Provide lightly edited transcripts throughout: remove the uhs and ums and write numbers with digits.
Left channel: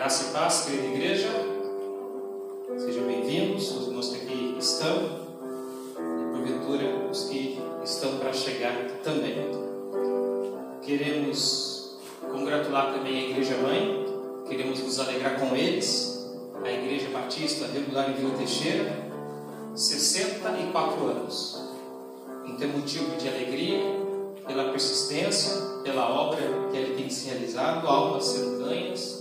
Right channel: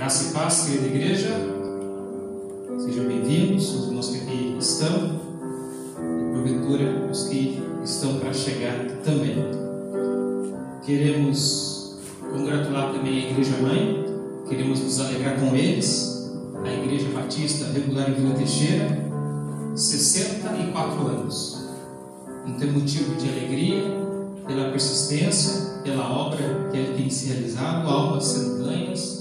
Graça e paz, querida igreja. Sejam bem-vindos, os irmãos que aqui estão e, porventura, os que estão para chegar também. Queremos congratular também a Igreja Mãe, queremos nos alegrar com eles, a Igreja Batista Regular em Vila Teixeira, 64 anos. Não tem motivo de alegria pela persistência, pela obra que ele tem se realizado, almas sendo ganhas,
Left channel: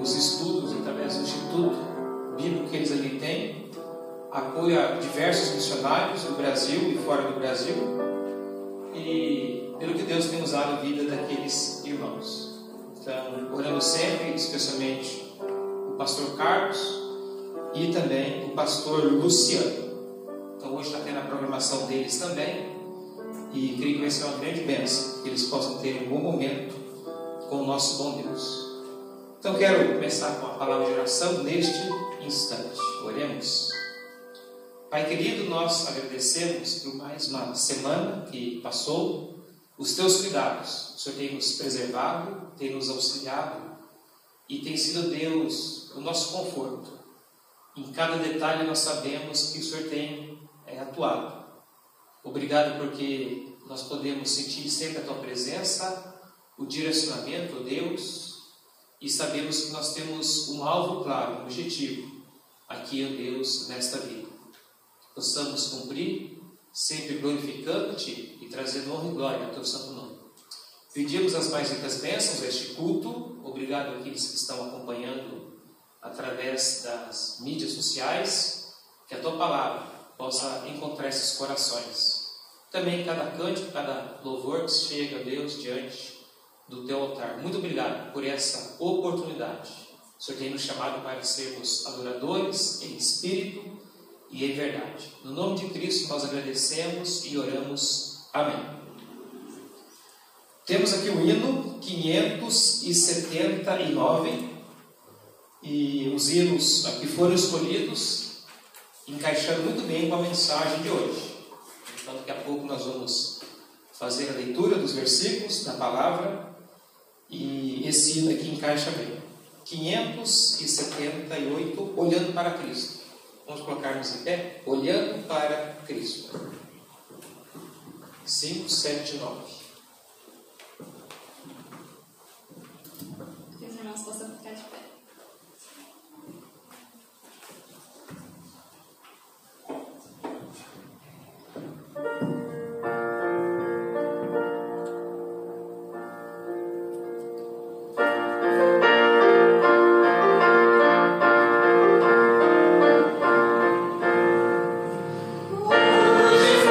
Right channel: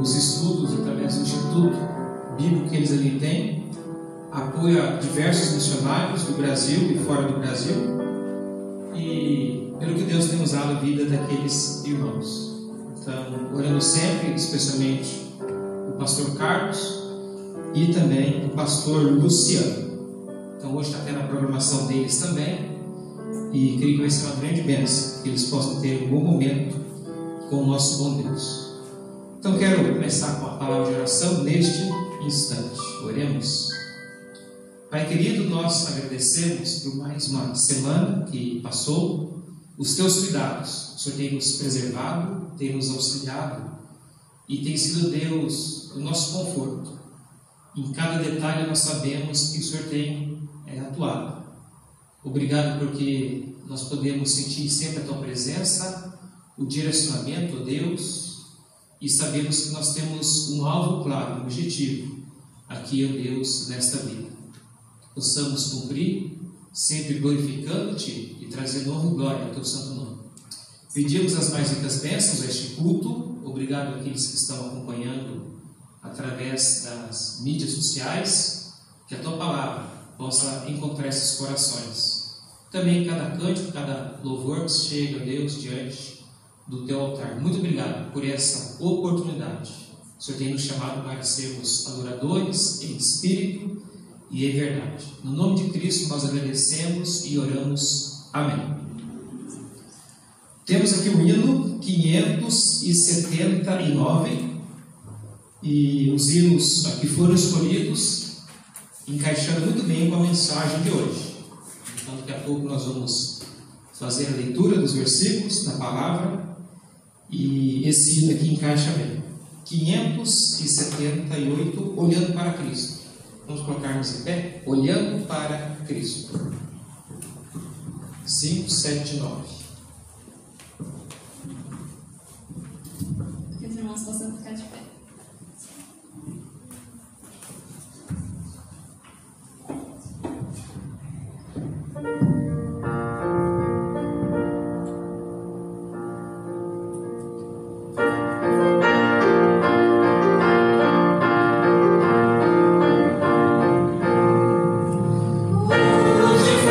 os estudos através do Instituto Bíblico que eles ali têm, apoio a diversos missionários do Brasil e fora do Brasil, e pelo que Deus tem usado a vida daqueles irmãos. Então, orando sempre, especialmente o pastor Carlos e também o pastor Luciano. Então, hoje está tendo a programação deles também, e creio que vai ser uma grande bênção, que eles possam ter um bom momento com o nosso bom Deus. Então, quero começar com a palavra de oração neste instante. Oremos. Pai querido, nós agradecemos por mais uma semana que passou, os teus cuidados. O Senhor tem nos preservado, tem nos auxiliado e tem sido, Deus, o nosso conforto. Em cada detalhe nós sabemos que o Senhor tem atuado. Obrigado porque nós podemos sentir sempre a tua presença, o direcionamento, ó Deus, e sabemos que nós temos um alvo claro, um objetivo aqui, ó Deus, nesta vida. Possamos cumprir, sempre glorificando-te e trazendo honra e glória ao teu santo nome. Pedimos as mais ricas bênçãos a este culto. Obrigado àqueles que estão acompanhando através das mídias sociais, que a tua palavra possa encontrar esses corações. Também cada cântico, cada louvor que chega a Deus diante do teu altar. Muito obrigado por essa oportunidade. O Senhor tem nos chamado para sermos adoradores em espírito e em verdade. No nome de Cristo nós agradecemos e oramos. Amém. Temos aqui o hino 579 e os hinos aqui foram escolhidos encaixando muito bem com a mensagem de hoje. Então daqui a pouco nós vamos fazer a leitura dos versículos da palavra e esse hino aqui encaixa bem. 578, olhando para Cristo. Vamos colocar-nos em pé, olhando para Cristo. 5, 7, 9. Que os irmãos possam ficar de pé. Hoje,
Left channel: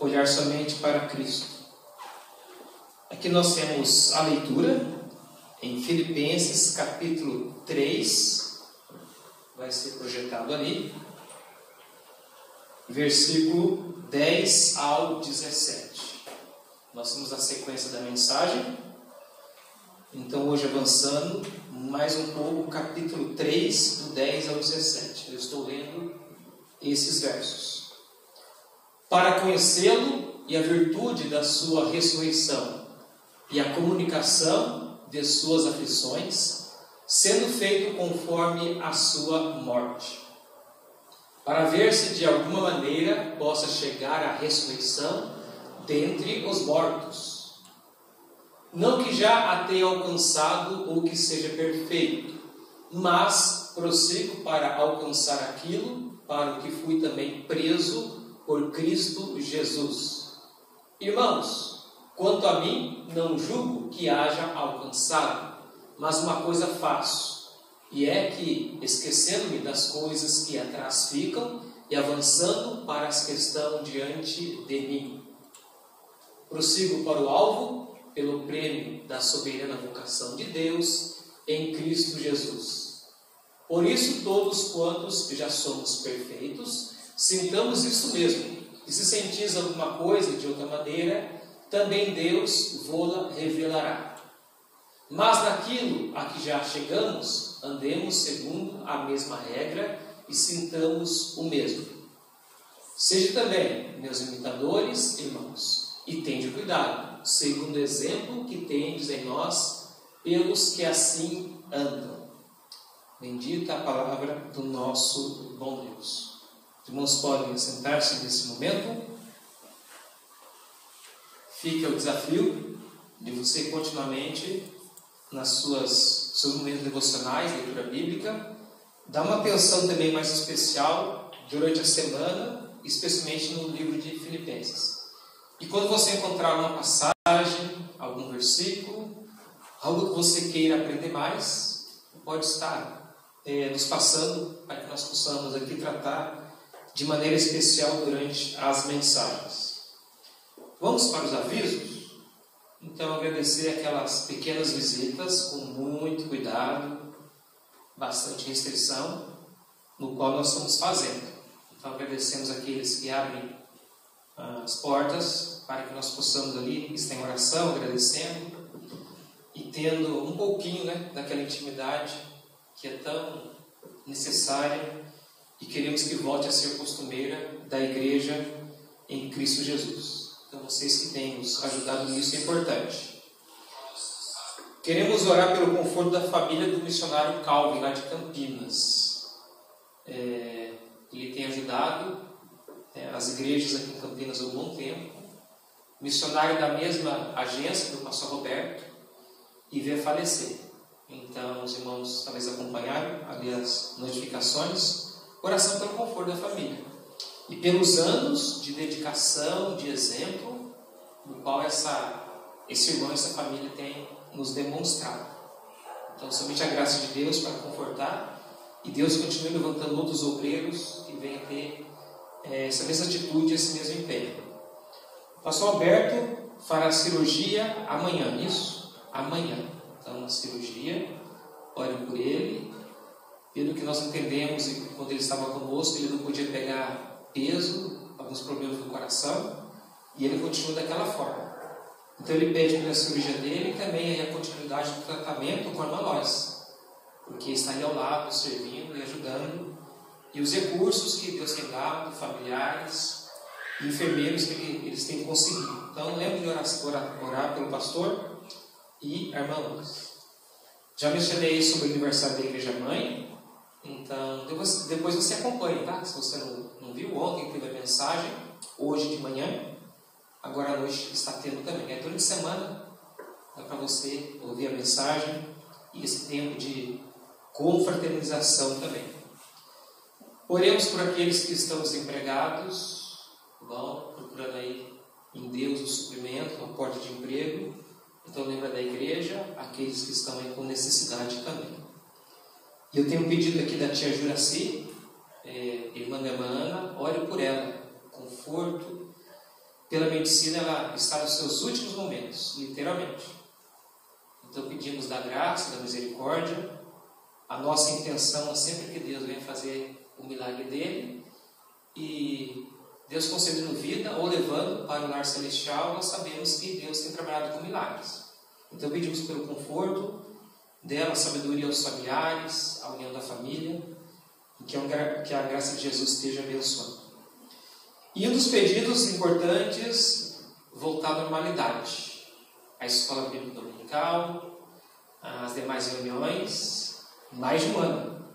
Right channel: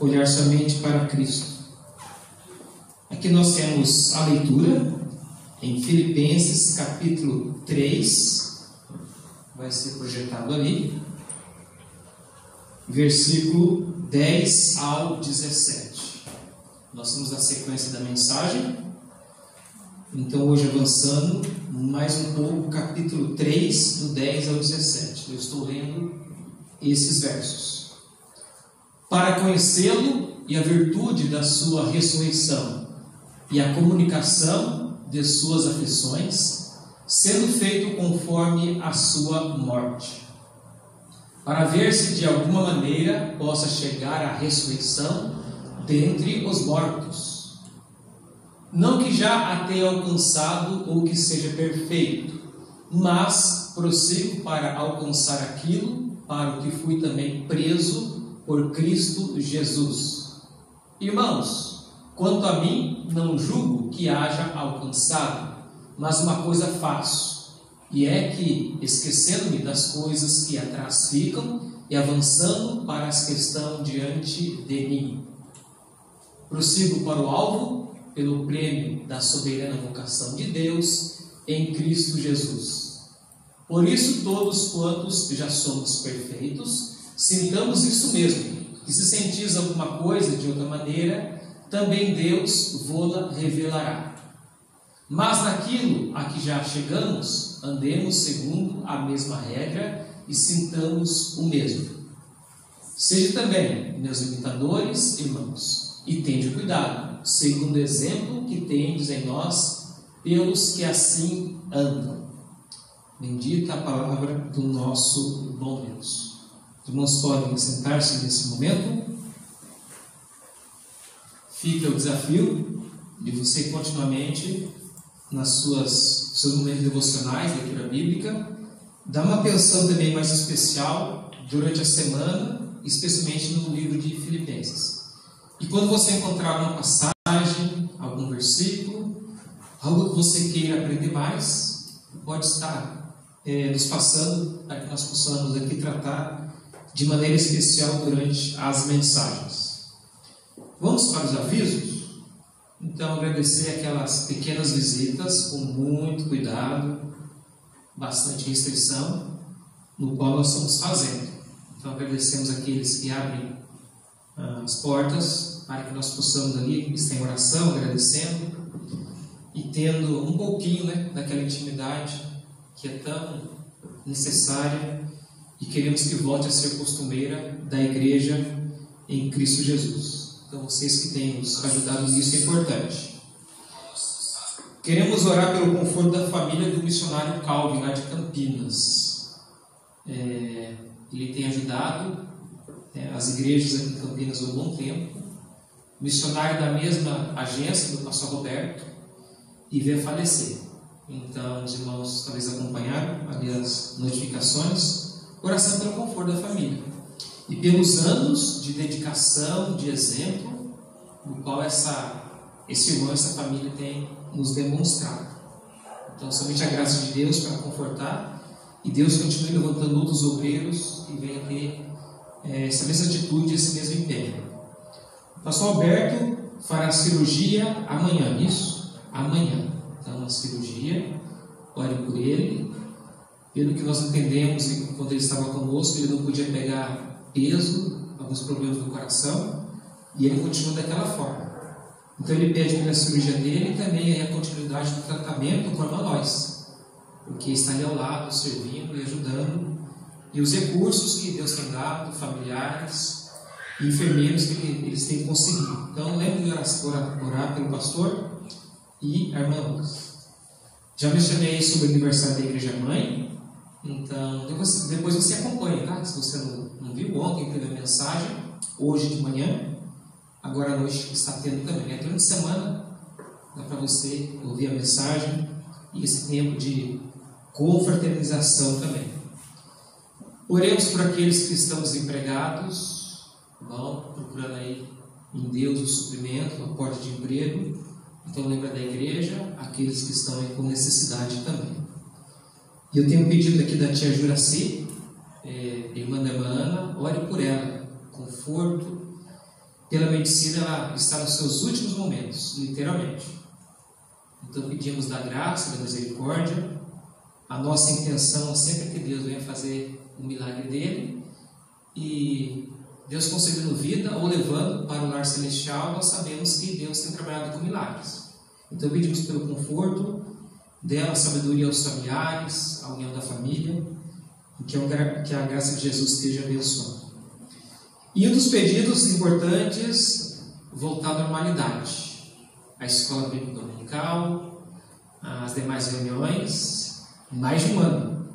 olhar somente para Cristo. Aqui nós temos a leitura em Filipenses capítulo 3, vai ser projetado ali, versículo 10 ao 17. Nós temos a sequência da mensagem. Então hoje avançando mais um pouco, capítulo 3, do 10 ao 17. Eu estou lendo esses versos. Para conhecê-lo e a virtude da sua ressurreição e a comunicação de suas aflições, sendo feito conforme a sua morte, para ver se de alguma maneira possa chegar à ressurreição dentre os mortos. Não que já a tenha alcançado ou que seja perfeito, mas prossigo para alcançar aquilo para o que fui também preso por Cristo Jesus. Irmãos, quanto a mim, não julgo que haja alcançado, mas uma coisa faço, e é que, esquecendo-me das coisas que atrás ficam e avançando para as que estão diante de mim, prossigo para o alvo, pelo prêmio da soberana vocação de Deus em Cristo Jesus. Por isso, todos quantos já somos perfeitos, sintamos isso mesmo, e se sentis alguma coisa de outra maneira, também Deus vô-la revelará. Mas naquilo a que já chegamos, andemos segundo a mesma regra e sintamos o mesmo. Sejam também meus imitadores, irmãos, e tende cuidado, segundo o exemplo que tendes em nós, pelos que assim andam. Bendita a palavra do nosso bom Deus. Os irmãos podem sentar-se nesse momento. Fica o desafio de você continuamente, seus momentos devocionais, leitura bíblica, dar uma atenção também mais especial durante a semana, especialmente no livro de Filipenses. E quando você encontrar alguma passagem, algum versículo, algo que você queira aprender mais, pode estar nos passando para que nós possamos aqui tratar de maneira especial durante as mensagens. Vamos para os avisos? Então, agradecer aquelas pequenas visitas com muito cuidado, bastante restrição, no qual nós estamos fazendo. Então, agradecemos aqueles que abrem as portas para que nós possamos ali estar em oração, agradecendo e tendo um pouquinho daquela intimidade que é tão necessária e queremos que volte a ser costumeira da igreja em Cristo Jesus. Então vocês que têm nos ajudado nisso é importante. Queremos orar pelo conforto da família do missionário Calvin lá de Campinas. Ele tem ajudado as igrejas aqui em Campinas há um bom tempo, missionário da mesma agência do pastor Roberto, e veio a falecer. Então os irmãos talvez acompanharam ali as notificações. Oração pelo conforto da família e pelos anos de dedicação, de exemplo, no qual esse irmão, essa família tem nos demonstrado. Então somente a graça de Deus para confortar, e Deus continue levantando outros obreiros que venham ter essa mesma atitude, esse mesmo empenho. O pastor Alberto fará cirurgia amanhã, isso? Amanhã. Então, a cirurgia, orem por ele. Pelo que nós entendemos, quando ele estava conosco, ele não podia pegar peso, alguns problemas do coração, e ele continua daquela forma. Então, ele pede pela cirurgia dele e também a continuidade do tratamento com a irmã Lois, porque está ali ao lado, servindo e ajudando. E os recursos que Deus tem dado, familiares, enfermeiros que eles têm conseguido. Então, lembre de orar pelo pastor e a irmã Lois. Já mencionei sobre o aniversário da Igreja Mãe. Então, depois você acompanha, tá? Se você não viu, ontem teve a mensagem, hoje de manhã, agora à noite está tendo também. Durante a semana, dá para você ouvir a mensagem e esse tempo de confraternização também. Oremos por aqueles que estão desempregados, procurando aí em Deus o suprimento, a porta de emprego. Então lembra da igreja, aqueles que estão aí com necessidade também. E eu tenho um pedido aqui da tia Juraci, irmã da irmã Ana, ore por ela, conforto pela medicina, ela está nos seus últimos momentos, literalmente. Então pedimos da graça, da misericórdia. A nossa intenção é sempre que Deus venha fazer o milagre dele, e Deus concedendo vida ou levando para o lar celestial, nós sabemos que Deus tem trabalhado com milagres. Então pedimos pelo conforto dela, a sabedoria aos familiares, a união da família, e que a graça de Jesus esteja abençoando. E um dos pedidos importantes, voltar à normalidade. A escola bíblica dominical, as demais reuniões, mais de um ano,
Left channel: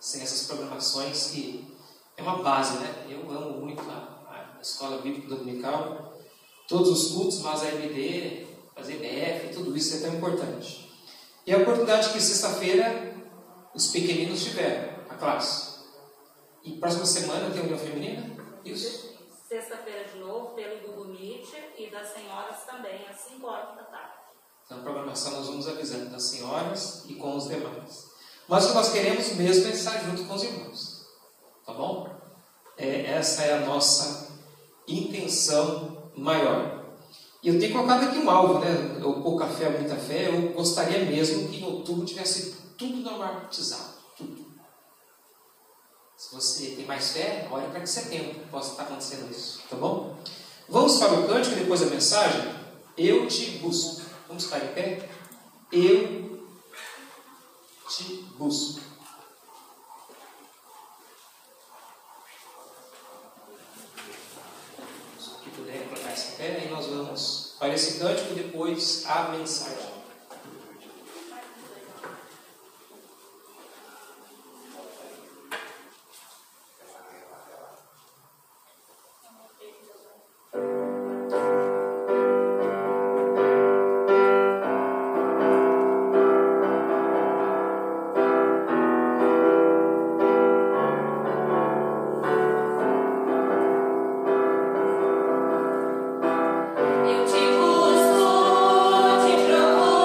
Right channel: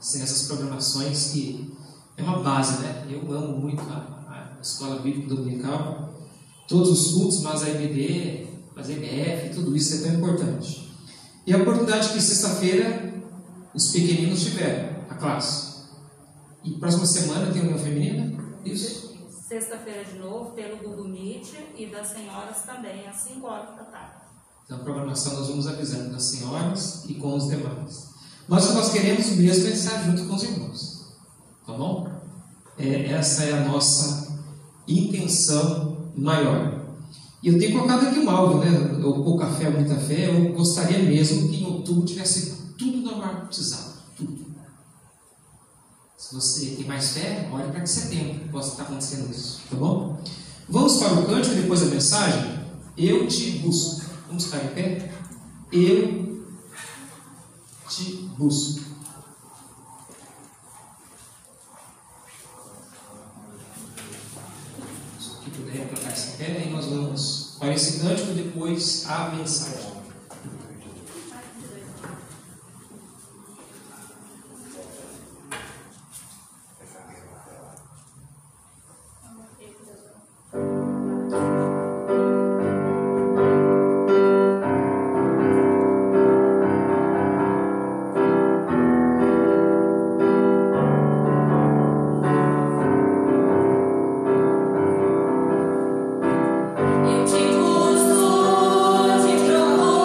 sem essas programações que é uma base, né? Eu amo muito a escola bíblica dominical, todos os cultos, mas a EBD, fazer EBF, tudo isso é tão importante. E a oportunidade que sexta-feira os pequeninos tiveram, a classe. E próxima semana tem união feminina? Isso? Sexta-feira de novo, pelo Google Meet, e das senhoras também, às 5 horas da tarde. Então a programação nós vamos avisando das senhoras e com os demais. Mas o que nós queremos mesmo é estar junto com os irmãos. Tá bom? Essa é a nossa intenção maior. E eu tenho colocado aqui um alvo, né? O pouca fé, muita fé. Eu gostaria mesmo que em outubro tivesse tudo normatizado. Tudo. Se você tem mais fé, olhe para que setembro possa estar acontecendo isso. Tá bom? Vamos para o cântico depois da mensagem? Eu te busco. Vamos ficar em pé? Eu te busco. Se puder colocar esse pé, aí nós vamos para esse cântico e depois a mensagem. Eu te busco, te procuro.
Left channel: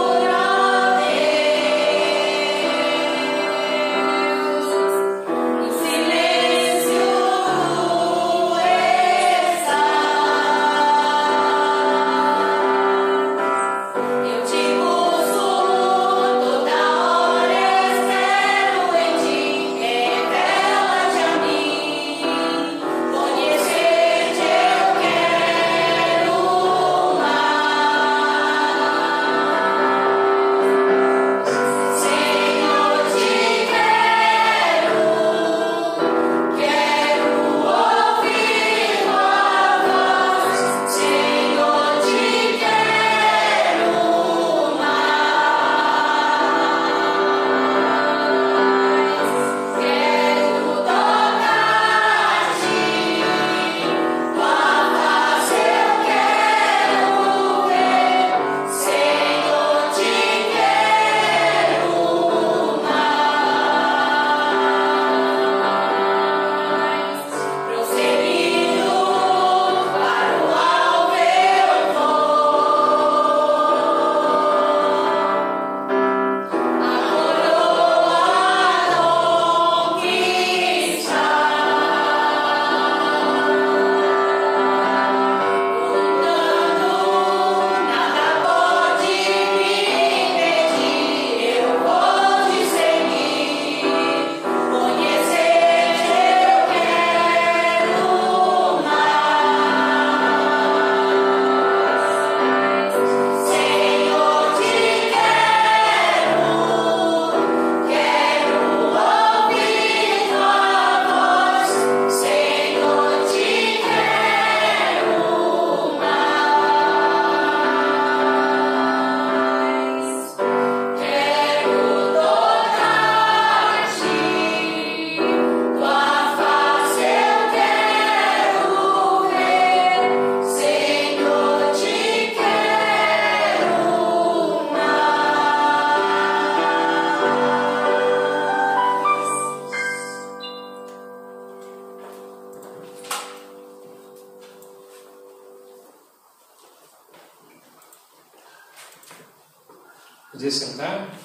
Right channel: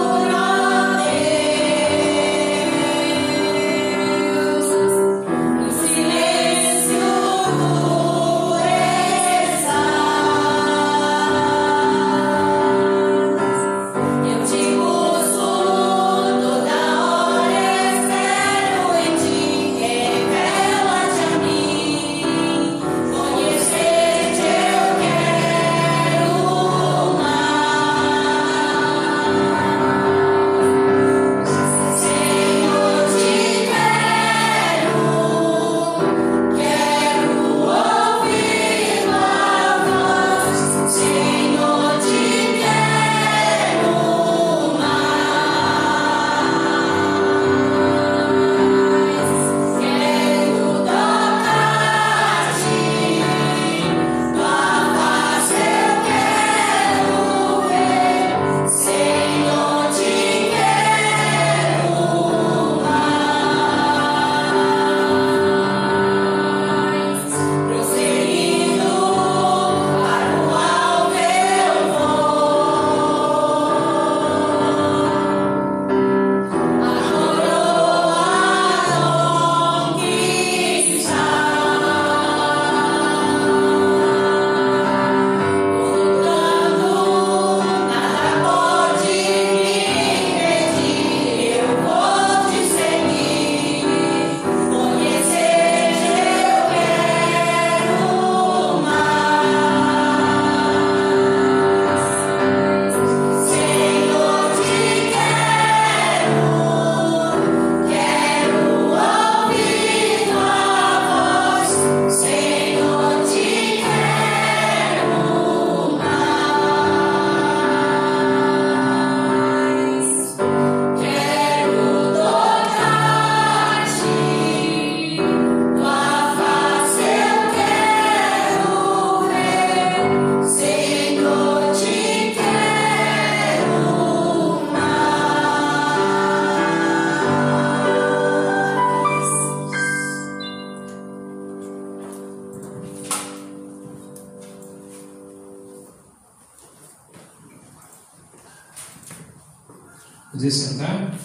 Poder sentar?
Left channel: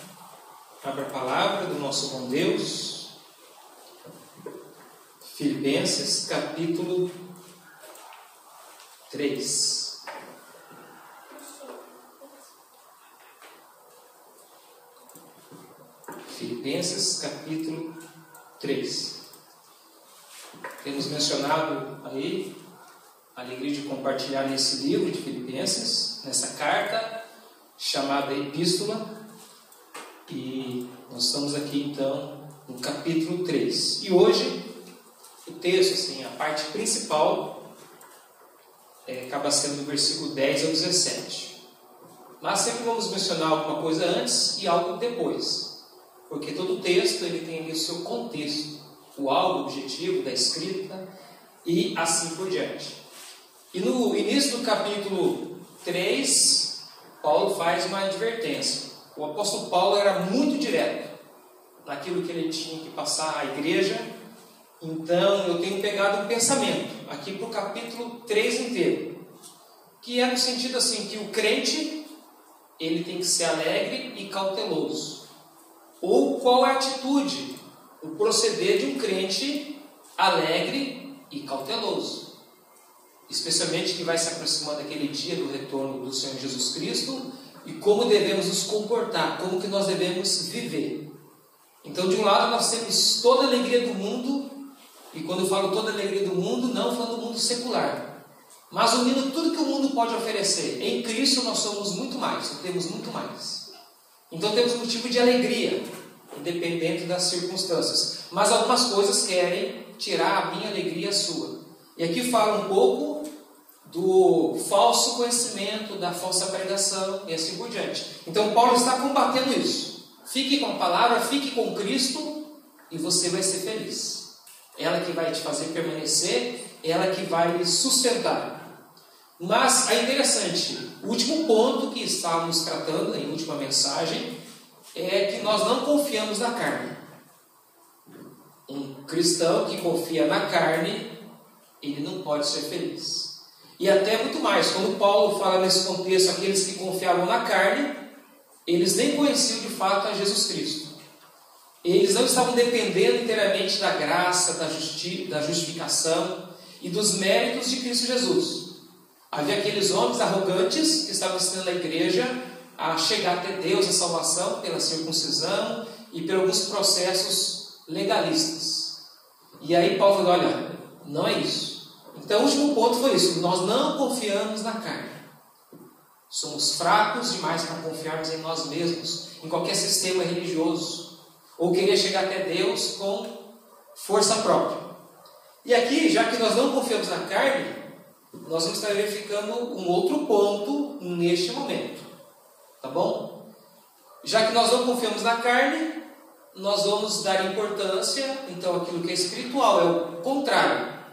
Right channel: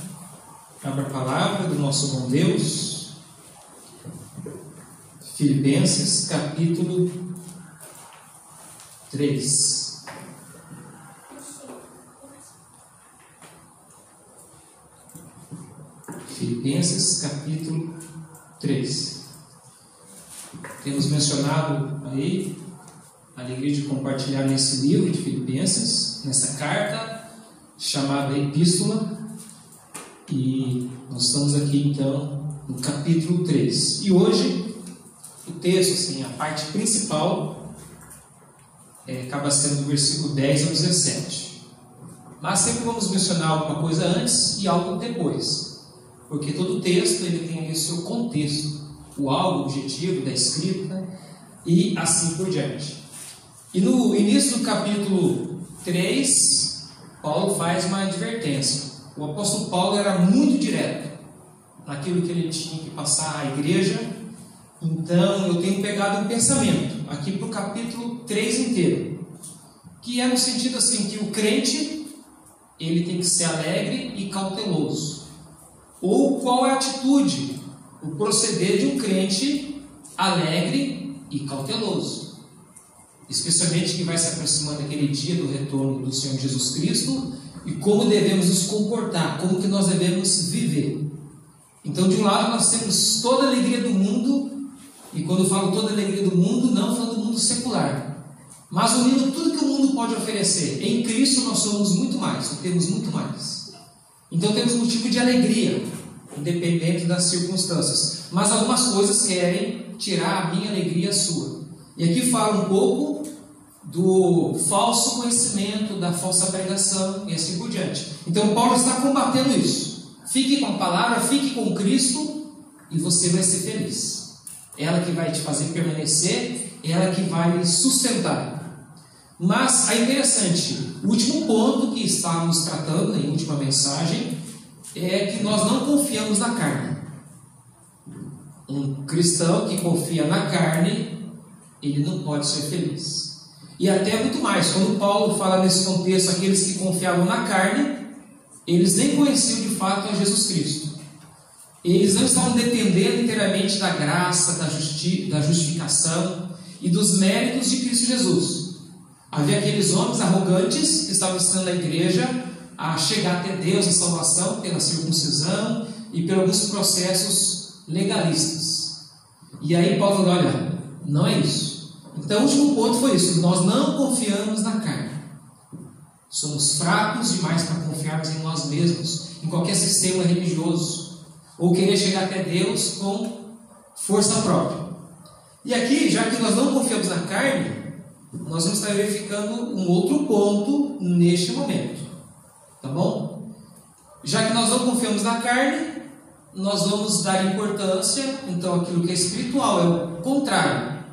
Abra a palavra do nosso bom Deus. Filipenses, capítulo 3. Filipenses capítulo 3. Temos mencionado aí a alegria de compartilhar nesse livro de Filipenses, nessa carta chamada Epístola, e nós estamos aqui então no capítulo 3. E hoje o texto, assim, a parte principal acaba sendo do versículo 10 ao 17. Mas sempre vamos mencionar alguma coisa antes e algo depois, porque todo texto ele tem ali o seu contexto, o algo, o objetivo da escrita e assim por diante. E no início do capítulo 3, Paulo faz uma advertência. O apóstolo Paulo era muito direto naquilo que ele tinha que passar à igreja. Então eu tenho pegado um pensamento aqui para o capítulo 3 inteiro, que é no sentido assim, que o crente ele tem que ser alegre e cauteloso. Ou qual é a atitude, o proceder de um crente alegre e cauteloso, especialmente que vai se aproximando daquele dia do retorno do Senhor Jesus Cristo, e como devemos nos comportar, como que nós devemos viver. Então, de um lado nós temos toda a alegria do mundo, e quando eu falo toda a alegria do mundo, não falando do mundo secular, mas unindo tudo que o mundo pode oferecer. Em Cristo nós somos muito mais, nós temos muito mais. Então temos motivo de alegria, independente das circunstâncias. Mas algumas coisas querem tirar a minha alegria e a sua. E aqui fala um pouco do falso conhecimento, da falsa pregação e assim por diante. Então Paulo está combatendo isso. Fique com a palavra, fique com Cristo e você vai ser feliz. Ela que vai te fazer permanecer, ela que vai lhe sustentar. Mas é interessante, o último ponto que estávamos tratando em última mensagem é que nós não confiamos na carne. Um cristão que confia na carne, ele não pode ser feliz. E até muito mais, quando Paulo fala nesse contexto, aqueles que confiavam na carne, eles nem conheciam de fato a Jesus Cristo. Eles não estavam dependendo inteiramente da graça, da justificação e dos méritos de Cristo Jesus. Havia aqueles homens arrogantes que estavam ensinando a igreja a chegar até Deus, a salvação, pela circuncisão e por alguns processos legalistas. E aí Paulo falou, olha, não é isso. Então o último ponto foi isso, nós não confiamos na carne. Somos fracos demais para confiarmos em nós mesmos, em qualquer sistema religioso, ou querer chegar até Deus com força própria. E aqui, já que nós não confiamos na carne, nós vamos estar verificando um outro ponto neste momento, tá bom? Já que nós não confiamos na carne, nós vamos dar importância, então, àquilo que é espiritual, é o contrário.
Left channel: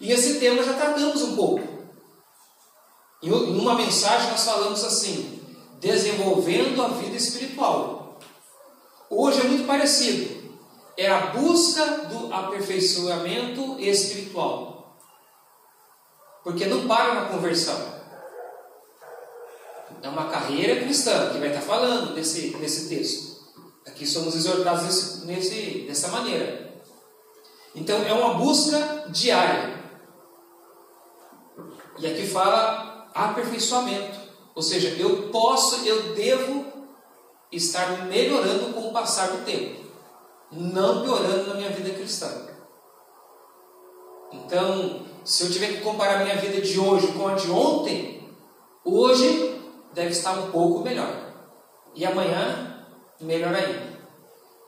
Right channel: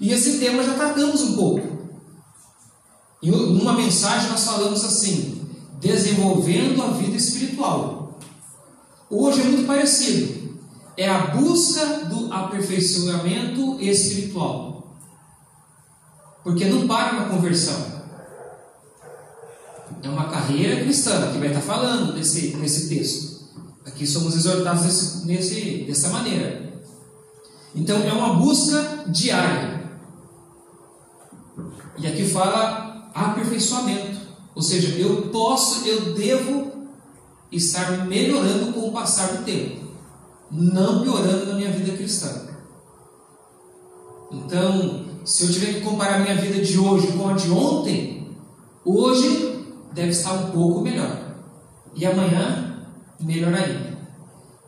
E esse tema já tratamos um pouco. Em uma mensagem nós falamos assim, desenvolvendo a vida espiritual. Hoje é muito parecido, é a busca do aperfeiçoamento espiritual. Porque não para na conversão. É uma carreira cristã que vai estar falando nesse texto. Aqui somos exortados dessa maneira. Então é uma busca diária. E aqui fala aperfeiçoamento. Ou seja, eu devo estar melhorando com o passar do tempo, não piorando na minha vida cristã. Então, se eu tiver que comparar a minha vida de hoje com a de ontem, hoje deve estar um pouco melhor. E amanhã, melhor ainda.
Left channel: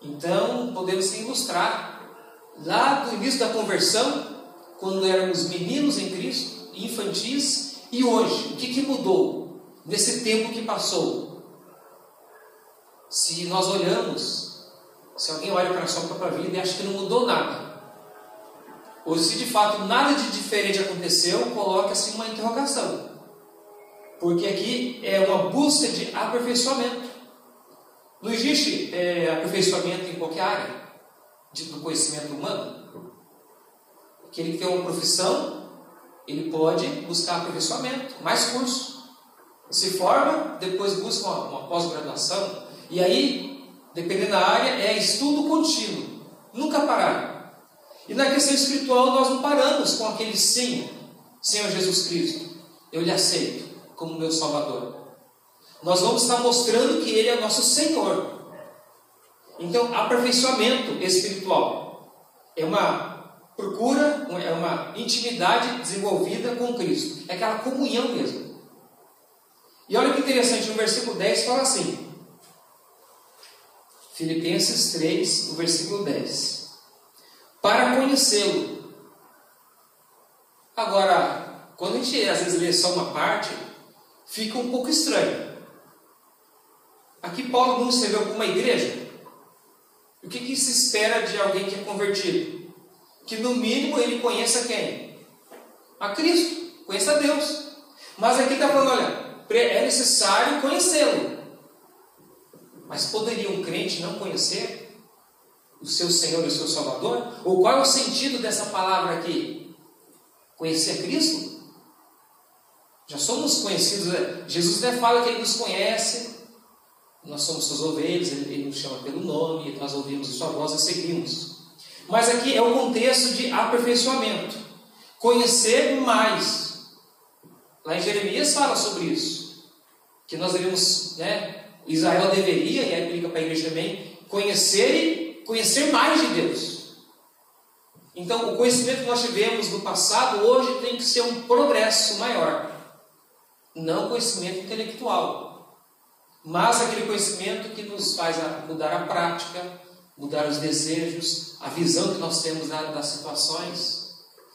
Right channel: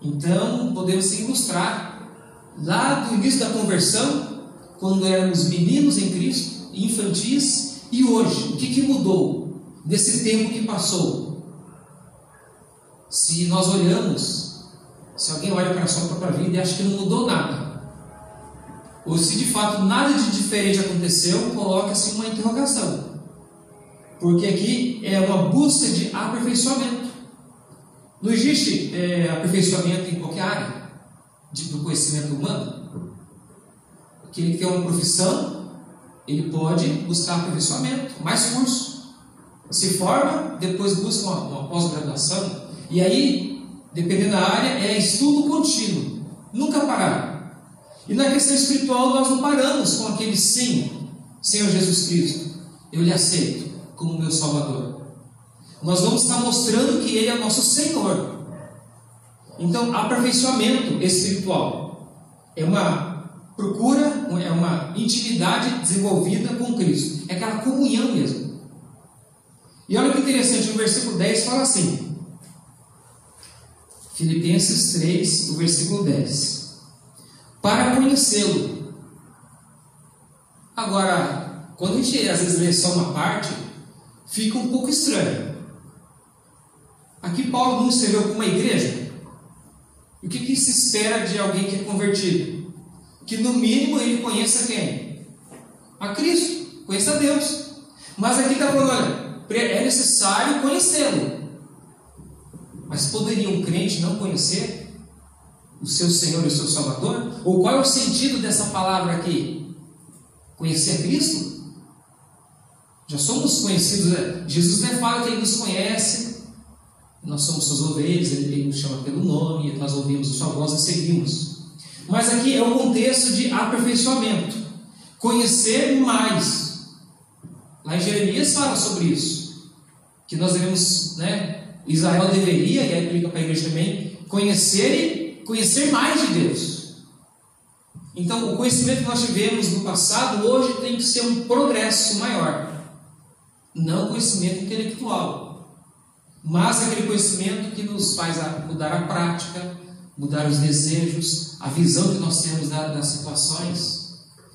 Então, podemos se ilustrar lá do início da conversão, quando éramos meninos em Cristo, infantis, e hoje, o que mudou nesse tempo que passou? Se nós olhamos, se alguém olha para a sua própria vida e acha que não mudou nada, ou se de fato nada de diferente aconteceu, coloca-se uma interrogação. Porque aqui é uma busca de aperfeiçoamento. Não existe aperfeiçoamento em qualquer área do conhecimento humano. Aquele que tem uma profissão, ele pode buscar aperfeiçoamento, mais curso. Se forma, depois busca uma pós-graduação. E aí, dependendo da área, é estudo contínuo, nunca parar. E na questão espiritual nós não paramos com aquele sim. Senhor Jesus Cristo, eu lhe aceito como meu Salvador. Nós vamos estar mostrando que Ele é o nosso Senhor. Então, aperfeiçoamento espiritual é uma procura, é uma intimidade desenvolvida com Cristo. É aquela comunhão mesmo. E olha que interessante, no versículo 10 fala assim, Filipenses 3, no versículo 10. Para conhecê-lo. Agora, quando a gente às vezes lê só uma parte, fica um pouco estranho. Aqui Paulo não escreveu para uma igreja. O que se espera de alguém que é convertido? Que no mínimo ele conheça quem? A Cristo, conheça a Deus. Mas aqui está falando, olha, é necessário conhecê-lo. Mas poderia um crente não conhecer o seu Senhor e o seu Salvador? Ou qual é o sentido dessa palavra aqui? Conhecer Cristo? Já somos conhecidos, né? Jesus até fala que Ele nos conhece. Nós somos suas ovelhas, Ele nos chama pelo nome, nós ouvimos a sua voz e seguimos. Mas aqui é o contexto de aperfeiçoamento. Conhecer mais. Lá em Jeremias fala sobre isso. Que nós devemos, Israel deveria, e aí aplica para a igreja também, conhecer mais de Deus. Então, o conhecimento que nós tivemos no passado, hoje tem que ser um progresso maior. Não conhecimento intelectual. Mas aquele conhecimento que nos faz mudar a prática, mudar os desejos, a visão que nós temos das situações.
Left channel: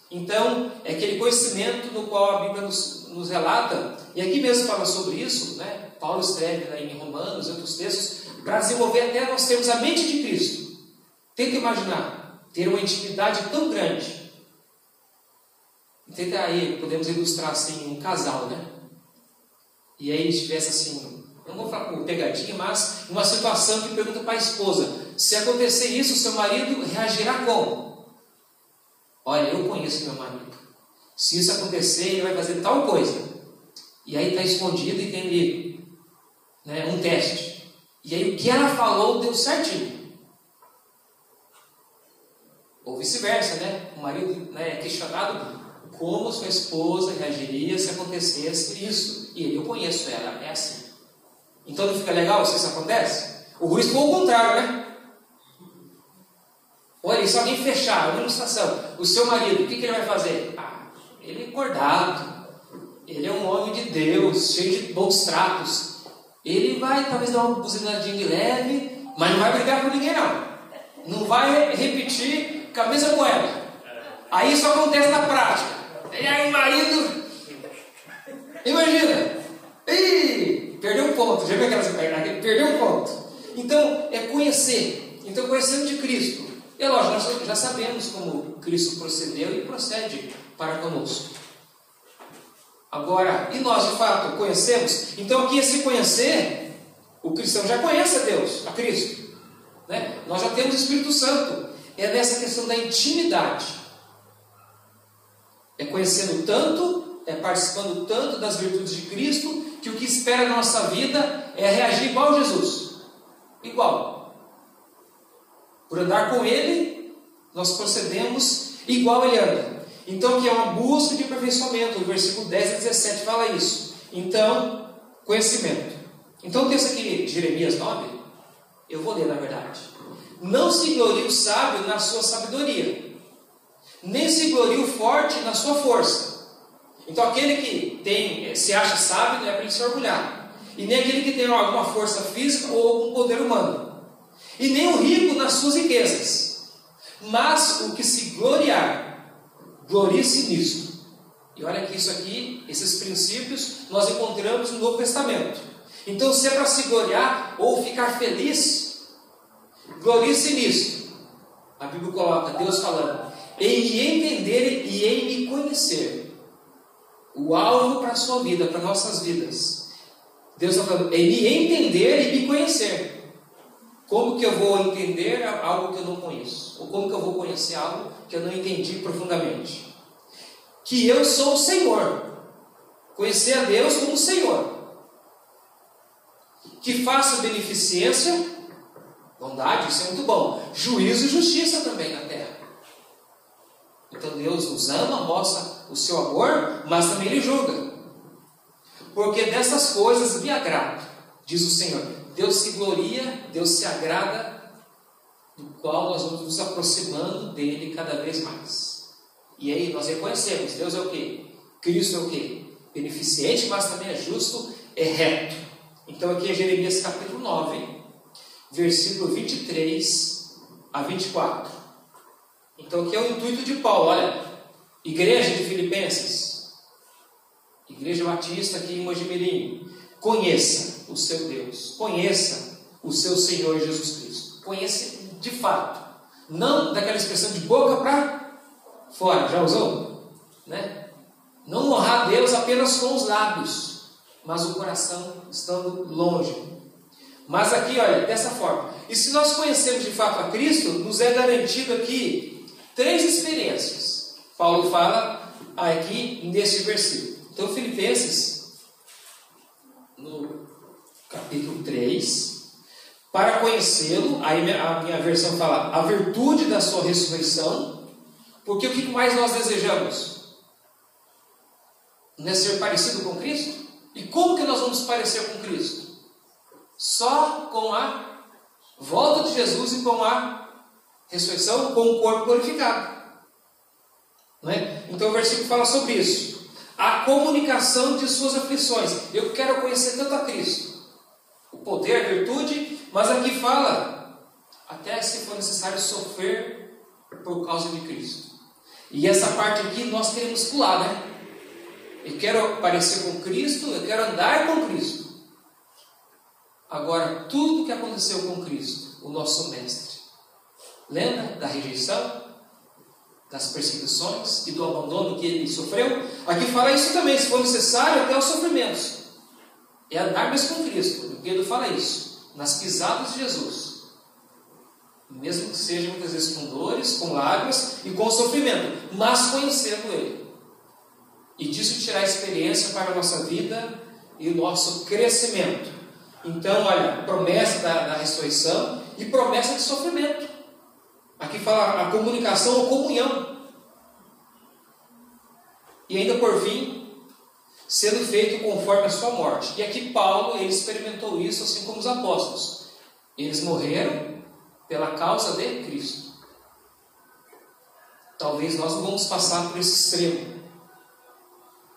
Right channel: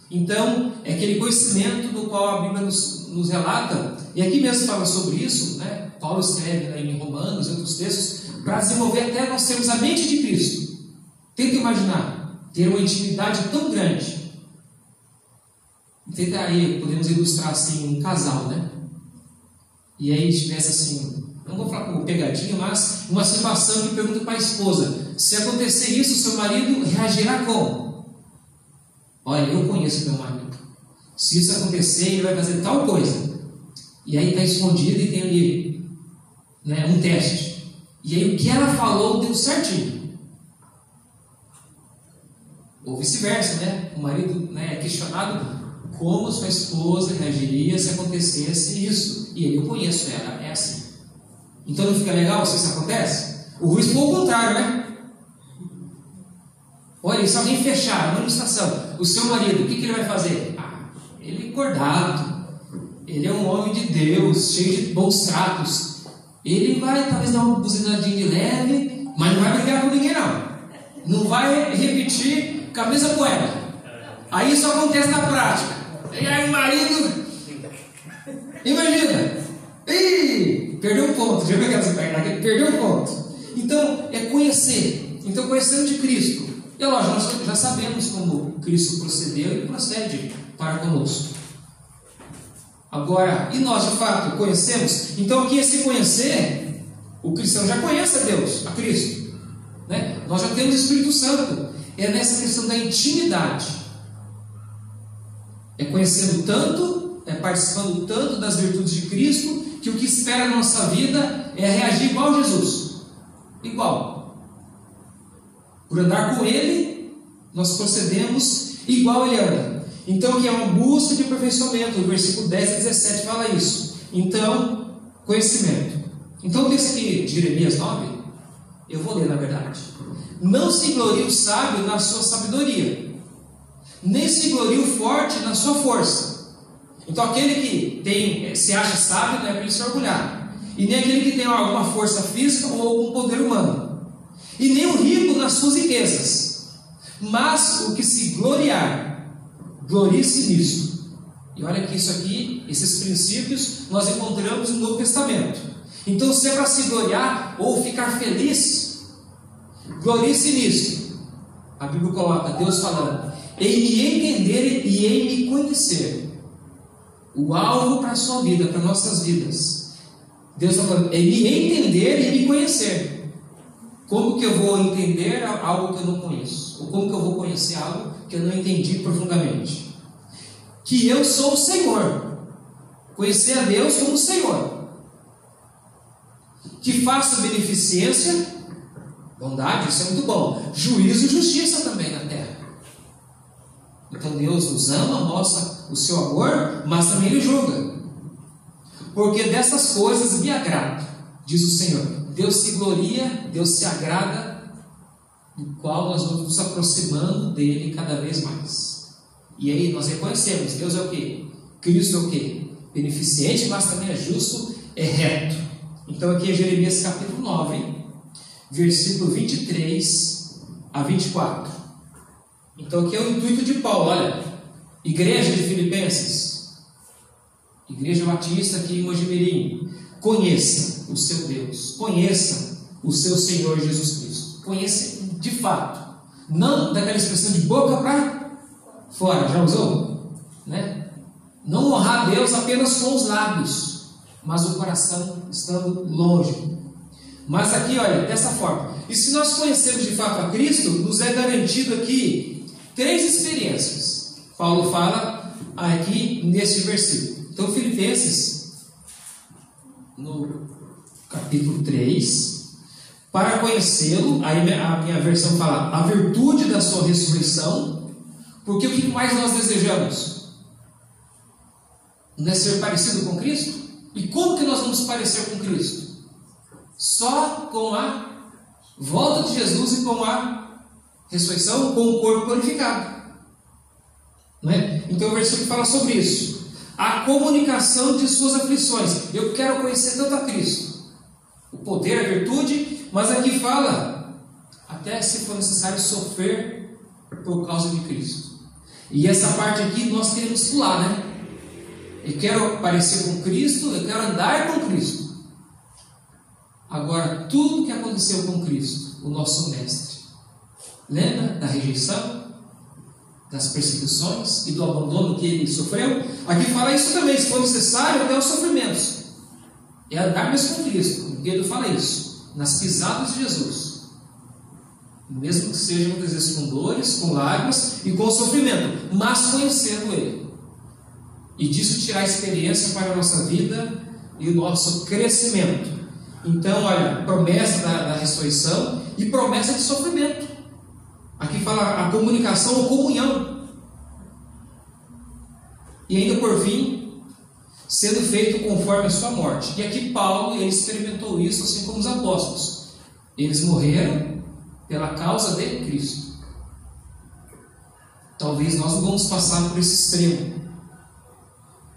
Então, é aquele conhecimento no qual a Bíblia nos relata, e aqui mesmo fala sobre isso, Paulo escreve em Romanos e outros textos, para desenvolver até nós termos a mente de Cristo. Tenta imaginar, ter uma intimidade tão grande. Tenta aí, podemos ilustrar assim, um casal, E aí tivesse assim, não vou falar como pegadinha, mas uma situação que pergunta para a esposa, se acontecer isso, seu marido reagirá como? Olha, eu conheço meu marido. Se isso acontecer, ele vai fazer tal coisa. E aí está escondido e tem ali um teste. E aí o que ela falou deu certinho. Ou vice-versa, O marido é questionado como sua esposa reagiria se acontecesse isso. E eu conheço ela, é assim. Então não fica legal se isso acontece? O ruim foi o contrário, Olha, se alguém fechar na manifestação, o seu marido, o que ele vai fazer? Ele é acordado, ele é um homem de Deus, cheio de bons tratos. Ele vai talvez dar uma buzinadinha de leve, mas não vai brigar com ninguém não. Não vai repetir com a mesma moeda. Aí isso acontece na prática. E aí o marido, imagina, perdeu um ponto, já viu aquela? Perdeu um ponto. Então, é conhecer. Então, conhecendo de Cristo. E lógico, nós já sabemos como Cristo procedeu e procede para conosco. Agora, e nós de fato conhecemos? Então, aqui esse conhecer, o cristão já conhece a Deus, a Cristo. Nós já temos o Espírito Santo. É nessa questão da intimidade. É conhecendo tanto, é participando tanto das virtudes de Cristo, que o que espera na nossa vida é reagir igual a Jesus. Igual. Por andar com Ele, nós procedemos igual Ele anda. Então, aqui é uma busca de aperfeiçoamento. O versículo 10 a 17 fala isso. Então, conhecimento. Então, o texto aqui de Jeremias 9, eu vou ler na verdade. Não se glorie o sábio na sua sabedoria, nem se glorie o forte na sua força. Então, aquele que se acha sábio não é para ele se orgulhar. E nem aquele que tem alguma força física ou algum poder humano. E nem o rico nas suas riquezas. Mas o que se gloriar, glorie-se nisto. E olha que isso aqui, esses princípios, nós encontramos no Novo Testamento. Então, se é para se gloriar ou ficar feliz, glorie-se nisto. A Bíblia coloca Deus falando, em me entender e em me conhecer. O alvo para a sua vida, para nossas vidas. Deus está falando, em me entender e me conhecer. Como que eu vou entender algo que eu não conheço? Ou como que eu vou conhecer algo que eu não entendi profundamente? Que eu sou o Senhor. Conhecer a Deus como Senhor. Que faço beneficência, bondade, isso é muito bom. Juízo e justiça também na terra. Então Deus nos ama, mostra o seu amor, mas também Ele julga. Porque dessas coisas me agrado, diz o Senhor. Deus se gloria, Deus se agrada, do qual nós vamos nos aproximando dele cada vez mais. E aí nós reconhecemos, Deus é o quê? Cristo é o quê? Beneficente, mas também é justo, é reto. Então aqui é Jeremias capítulo 9, versículo 23 a 24. Então aqui é o intuito de Paulo. Olha, igreja de Filipenses, igreja batista aqui em Mojimirim, conheça o seu Deus, conheça o seu Senhor Jesus Cristo, conheça de fato, não daquela expressão de boca para fora, já usou? Né? Não honrar a Deus apenas com os lábios, mas o coração estando longe. Mas aqui, olha, dessa forma. E se nós conhecemos de fato a Cristo, nos é garantido aqui 3 experiências. Paulo fala aqui neste versículo. Então, Filipenses, no capítulo 3, para conhecê-lo, aí a minha versão fala, a virtude da sua ressurreição, porque o que mais nós desejamos? Não é ser parecido com Cristo? E como que nós vamos parecer com Cristo? Só com a volta de Jesus e com a ressurreição, com o corpo glorificado. Não é? Então o versículo fala sobre isso. A comunicação de suas aflições. Eu quero conhecer tanto a Cristo, o poder, a virtude, mas aqui fala, até se for necessário sofrer por causa de Cristo. E essa parte aqui nós queremos pular, né? Eu quero parecer com Cristo, eu quero andar com Cristo. Agora, tudo que aconteceu com Cristo, o nosso mestre, lembra da rejeição, das perseguições e do abandono que ele sofreu? Aqui fala isso também, se for necessário, até os sofrimentos. É andar mesmo com Cristo. O Pedro fala isso, nas pisadas de Jesus. Mesmo que seja muitas vezes com dores, com lágrimas e com sofrimento, mas conhecendo Ele. E disso tirar experiência para a nossa vida e o nosso crescimento. Então, olha, promessa da ressurreição e promessa de sofrimento. Aqui fala a comunicação ou comunhão. E ainda por fim, sendo feito conforme a sua morte. E aqui Paulo, ele experimentou isso assim como os apóstolos. Eles morreram pela causa de Cristo. Talvez nós não vamos passar por esse extremo.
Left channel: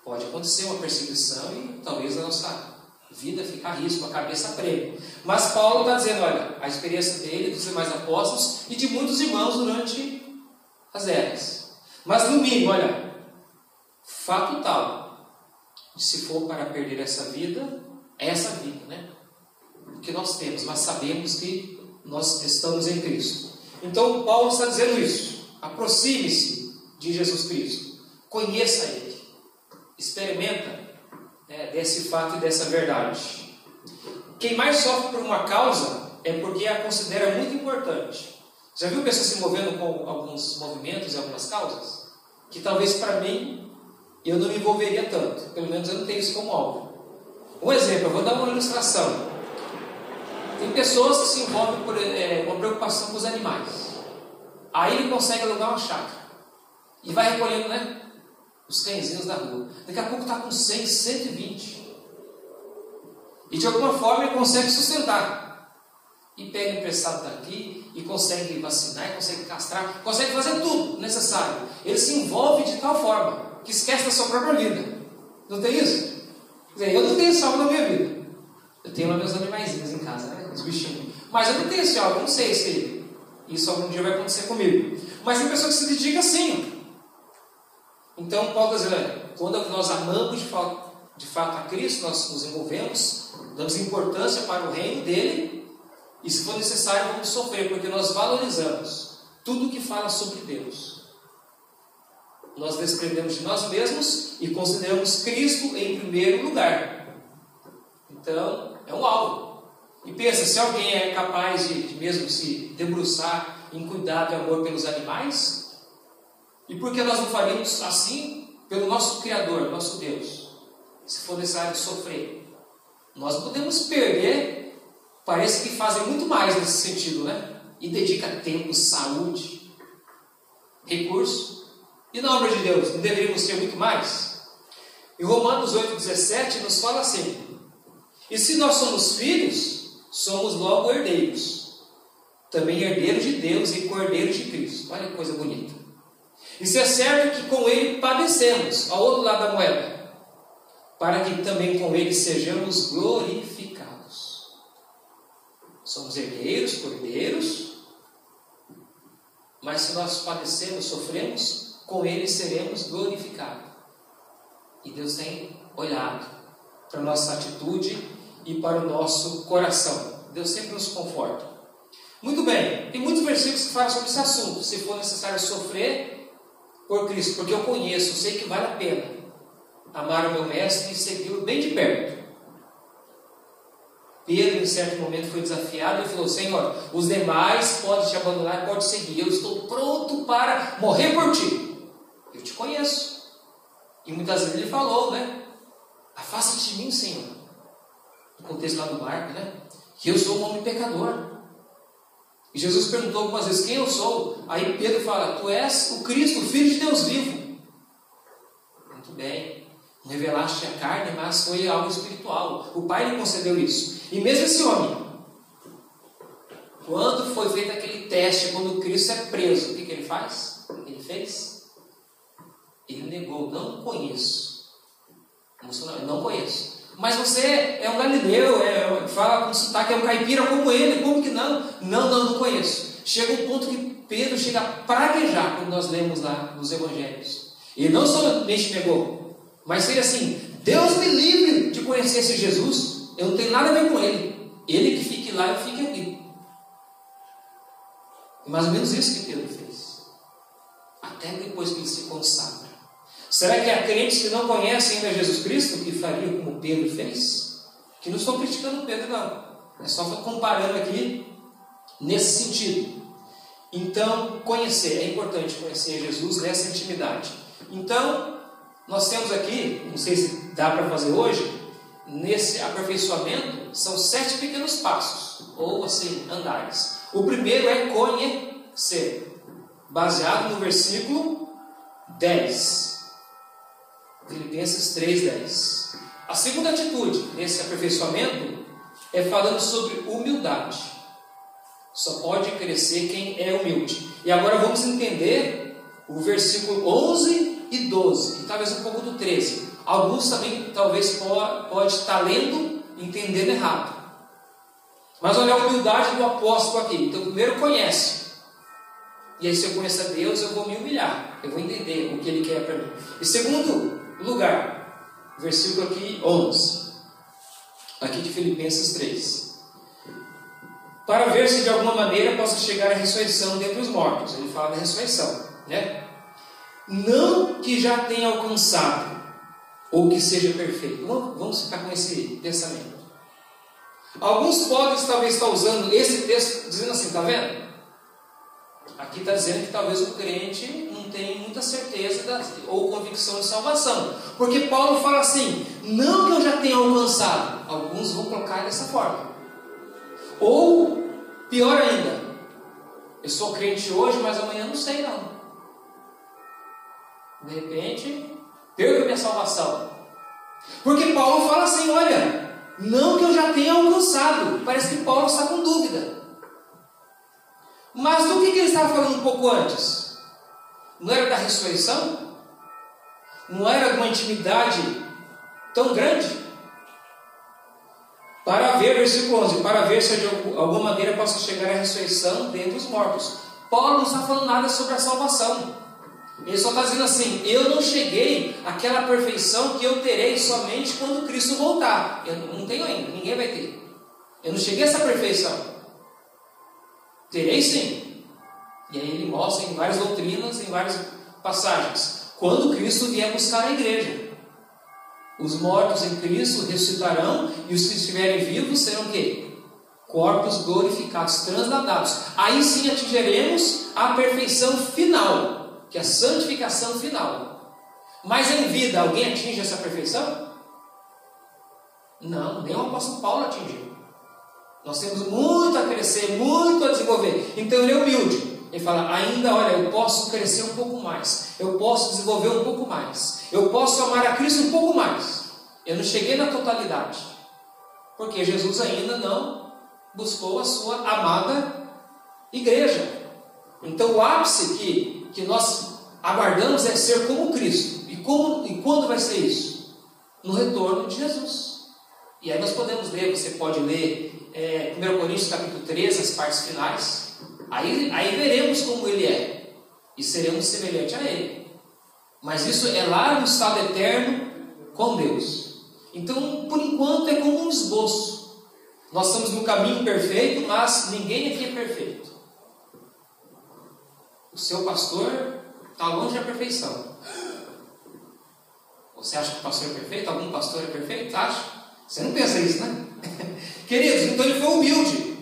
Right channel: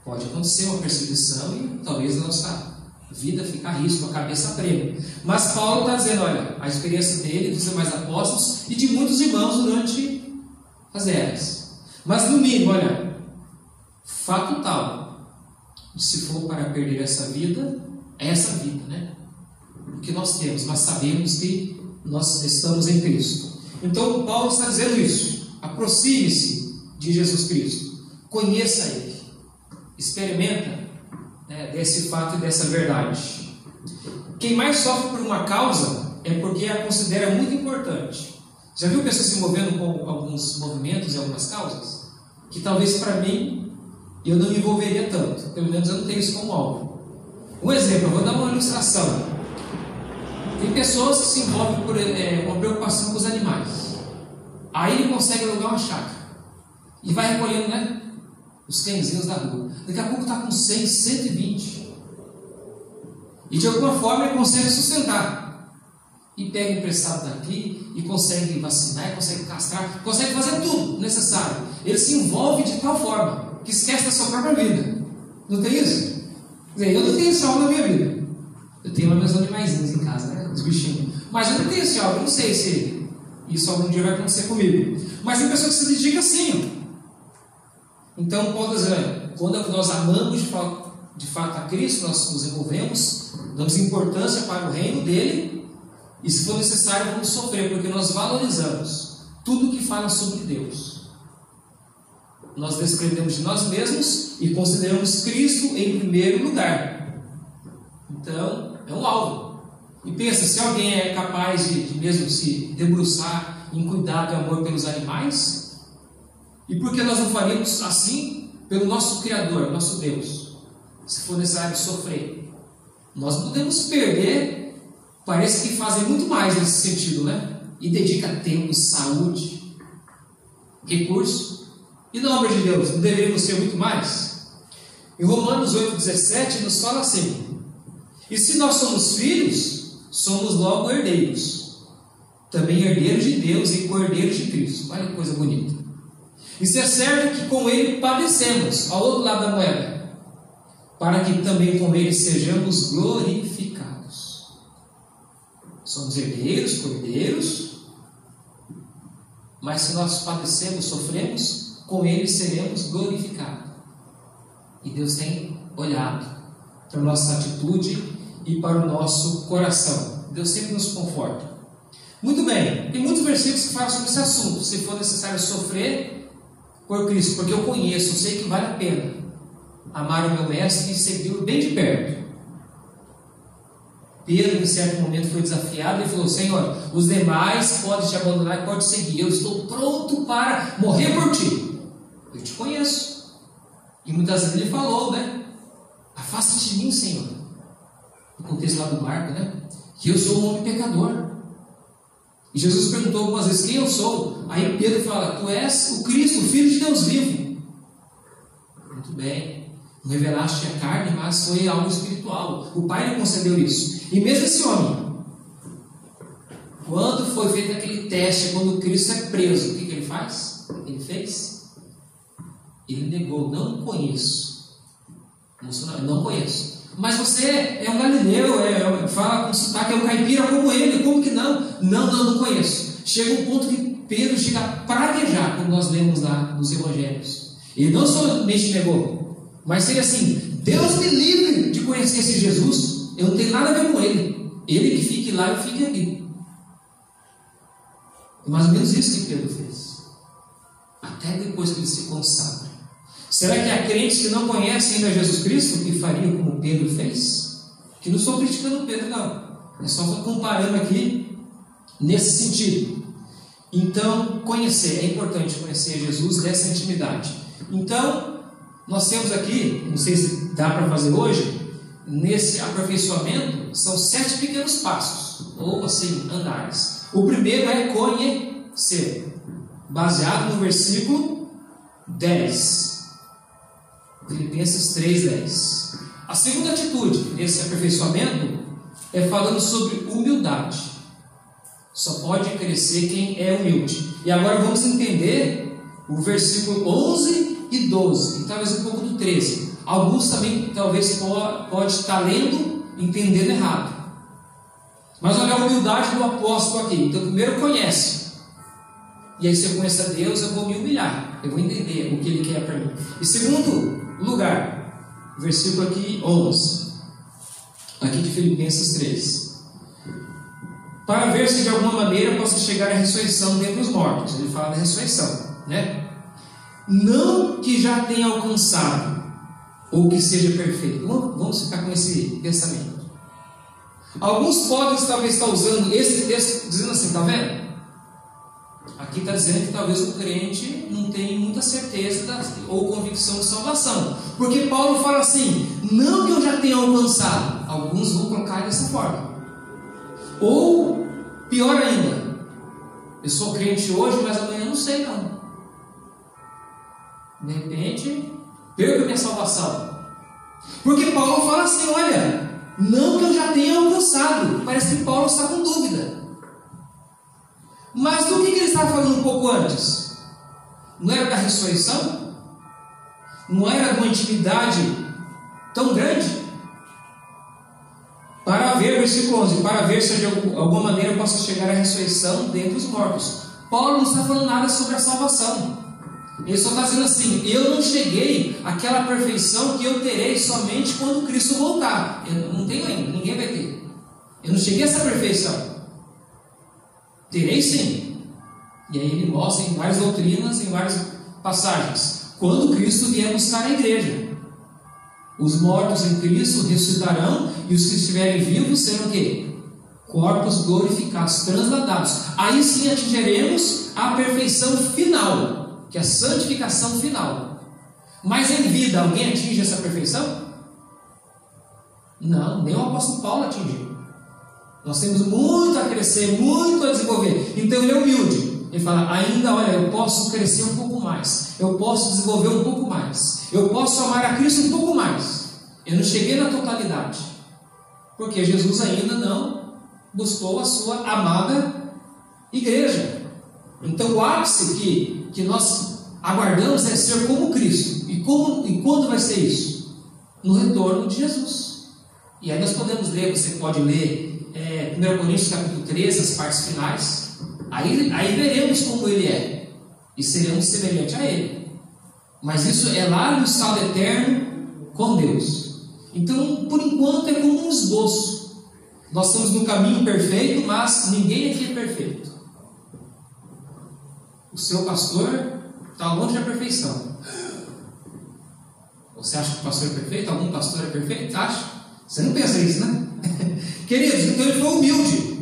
Pode acontecer uma perseguição e talvez a nossa vida fique a risco, a cabeça prêmio. Mas Paulo está dizendo, olha, a experiência dele, dos demais apóstolos e de muitos irmãos durante as eras. Mas no mínimo, olha, fato tal, se for para perder essa vida, é essa vida, né? O que nós temos, mas sabemos que nós estamos em Cristo. Então Paulo está dizendo isso. Aproxime-se de Jesus Cristo, conheça Ele, experimenta, né, desse fato e dessa verdade. Quem mais sofre por uma causa é porque a considera muito importante. Já viu pessoas se movendo com alguns movimentos e algumas causas? Que talvez para mim eu não me envolveria tanto, pelo menos eu não tenho isso como alvo. Um exemplo, eu vou dar uma ilustração. Tem pessoas que se envolvem por uma preocupação com os animais. Aí ele consegue alugar uma chácara e vai recolhendo, né, os cãezinhos da rua. Daqui a pouco está com 100, 120. E de alguma forma ele consegue sustentar. E pega emprestado daqui, e consegue vacinar, consegue castrar, consegue fazer tudo necessário. Ele se envolve de tal forma que esquece da sua própria vida. Não tem isso? Quer dizer, eu não tenho esse algo na minha vida. Eu tenho lá meus animaizinhos em casa, né? Os bichinhos. Mas eu não tenho esse algo, eu não sei se isso algum dia vai acontecer comigo. Mas tem pessoa que se dedica assim. Então, Paulo está dizendo, quando nós amamos de fato a Cristo, nós nos envolvemos, damos importância para o reino dele, e se for necessário, vamos sofrer, porque nós valorizamos tudo que fala sobre Deus. Nós desprendemos de nós mesmos e consideramos Cristo em primeiro lugar. Então, é um alvo. E pensa, se alguém é capaz de mesmo se debruçar em cuidado e amor pelos animais, e por que nós não faríamos assim pelo nosso Criador, nosso Deus? Se for necessário sofrer, nós podemos perder, parece que fazem muito mais nesse sentido, né? E dedica tempo, saúde, recurso, E na obra de Deus, não deveríamos ser muito mais? Em Romanos 8,17 nos fala assim: e se nós somos filhos, somos logo herdeiros, também herdeiros de Deus e cordeiros de Cristo. Olha que coisa bonita. E se é certo que com Ele padecemos, ao outro lado da moeda, para que também com Ele sejamos glorificados. Somos herdeiros, cordeiros, mas se nós padecemos, sofremos, com Ele seremos glorificados. E Deus tem olhado para a nossa atitude e para o nosso coração. Deus sempre nos conforta. Muito bem, tem muitos versículos que falam sobre esse assunto. Se for necessário sofrer por Cristo, porque eu conheço, sei que vale a pena amar o meu mestre e segui-lo bem de perto. Pedro, em certo momento, foi desafiado e falou: Senhor, os demais podem te abandonar, podem seguir, eu estou pronto para morrer por ti. Eu te conheço. E muitas vezes ele falou, né? Afasta-te de mim, Senhor. No contexto lá do barco, né? Que eu sou um homem pecador. E Jesus perguntou algumas vezes: quem eu sou? Aí Pedro fala: tu és o Cristo, o Filho de Deus vivo. Muito bem. Não revelaste a carne, mas foi algo espiritual. O Pai lhe concedeu isso. E mesmo esse homem, quando foi feito aquele teste, quando Cristo é preso, o que ele faz? Ele fez? Ele negou: não conheço. Não conheço. Mas você é um galileu, fala com sotaque, é um caipira como ele, como que não? Não conheço. Chega um ponto que Pedro chega a praguejar, como nós lemos lá nos evangelhos. Ele não somente negou, mas seria assim: Deus me livre de conhecer esse Jesus, eu não tenho nada a ver com ele. Ele que fique lá, eu fique aqui. É mais ou menos isso que Pedro fez. Até depois que ele se consagra. Será que há crentes que não conhecem ainda Jesus Cristo que fariam como Pedro fez? Que não estou criticando Pedro, não. É só comparando aqui nesse sentido. Então, é importante conhecer Jesus nessa intimidade. Então, nós temos aqui, não sei se dá para fazer hoje, nesse aperfeiçoamento, são 7 pequenos passos, ou assim, andares. O primeiro é conhecer, baseado no versículo 10. Filipenses 3:10. A segunda atitude nesse aperfeiçoamento é falando sobre humildade. Só pode crescer quem é humilde. E agora vamos entender o versículo 11 e 12, e talvez um pouco do 13. Alguns também talvez pode estar lendo, entendendo errado. Mas olha a humildade do apóstolo aqui. Então primeiro conhece. E aí se eu conheço a Deus, eu vou me humilhar. Eu vou entender o que Ele quer para mim. E segundo lugar, versículo aqui 11, aqui de Filipenses 3. Para ver se de alguma maneira possa chegar à ressurreição dentre os mortos. Ele fala da ressurreição, né? Não que já tenha alcançado, ou que seja perfeito. Vamos ficar com esse pensamento. Alguns podem talvez estar usando esse texto dizendo assim, está vendo? Aqui está dizendo que talvez o crente não tenha muita certeza ou convicção de salvação. Porque Paulo fala assim: não que eu já tenha alcançado. Alguns vão colocar dessa forma. Ou, pior ainda, eu sou crente hoje, mas amanhã não sei não. De repente, perco minha salvação. Porque Paulo fala assim: olha, não que eu já tenha alcançado. Parece que Paulo está com dúvida. Mas do que ele estava falando um pouco antes? Não era da ressurreição? Não era de uma intimidade tão grande? Para ver, versículo 11, para ver se de alguma maneira possa chegar à ressurreição dentre os mortos. Paulo não está falando nada sobre a salvação. Ele só está dizendo assim: eu não cheguei àquela perfeição que eu terei somente quando Cristo voltar. Eu não tenho ainda, ninguém vai ter. Eu não cheguei a essa perfeição. Terei sim. E aí ele mostra em várias doutrinas, em várias passagens, quando Cristo vier buscar a igreja. Os mortos em Cristo ressuscitarão, e os que estiverem vivos serão o quê? Corpos glorificados, transladados. Aí sim atingiremos a perfeição final, que é a santificação final. Mas em vida, alguém atinge essa perfeição? Não, nem o apóstolo Paulo atingiu. Nós temos muito a crescer, muito a desenvolver. Então ele é humilde. Ele fala, ainda, olha, eu posso crescer um pouco mais, eu posso desenvolver um pouco mais, eu posso amar a Cristo um pouco mais. Eu não cheguei na totalidade, porque Jesus ainda não buscou a sua amada igreja. Então o ápice que nós aguardamos é ser como Cristo. E quando vai ser isso? No retorno de Jesus. E aí nós podemos ler, você pode ler 1 Coríntios capítulo 13, as partes finais. Aí veremos como Ele é, e seremos semelhantes a Ele. Mas isso é lá no estado eterno com Deus. Então, por enquanto, é como um esboço. Nós estamos no caminho perfeito, mas ninguém aqui é perfeito. O seu pastor está longe da perfeição. Você acha que o pastor é perfeito? Algum pastor é perfeito? Acha? Você não pensa isso, né? Queridos, então ele foi humilde.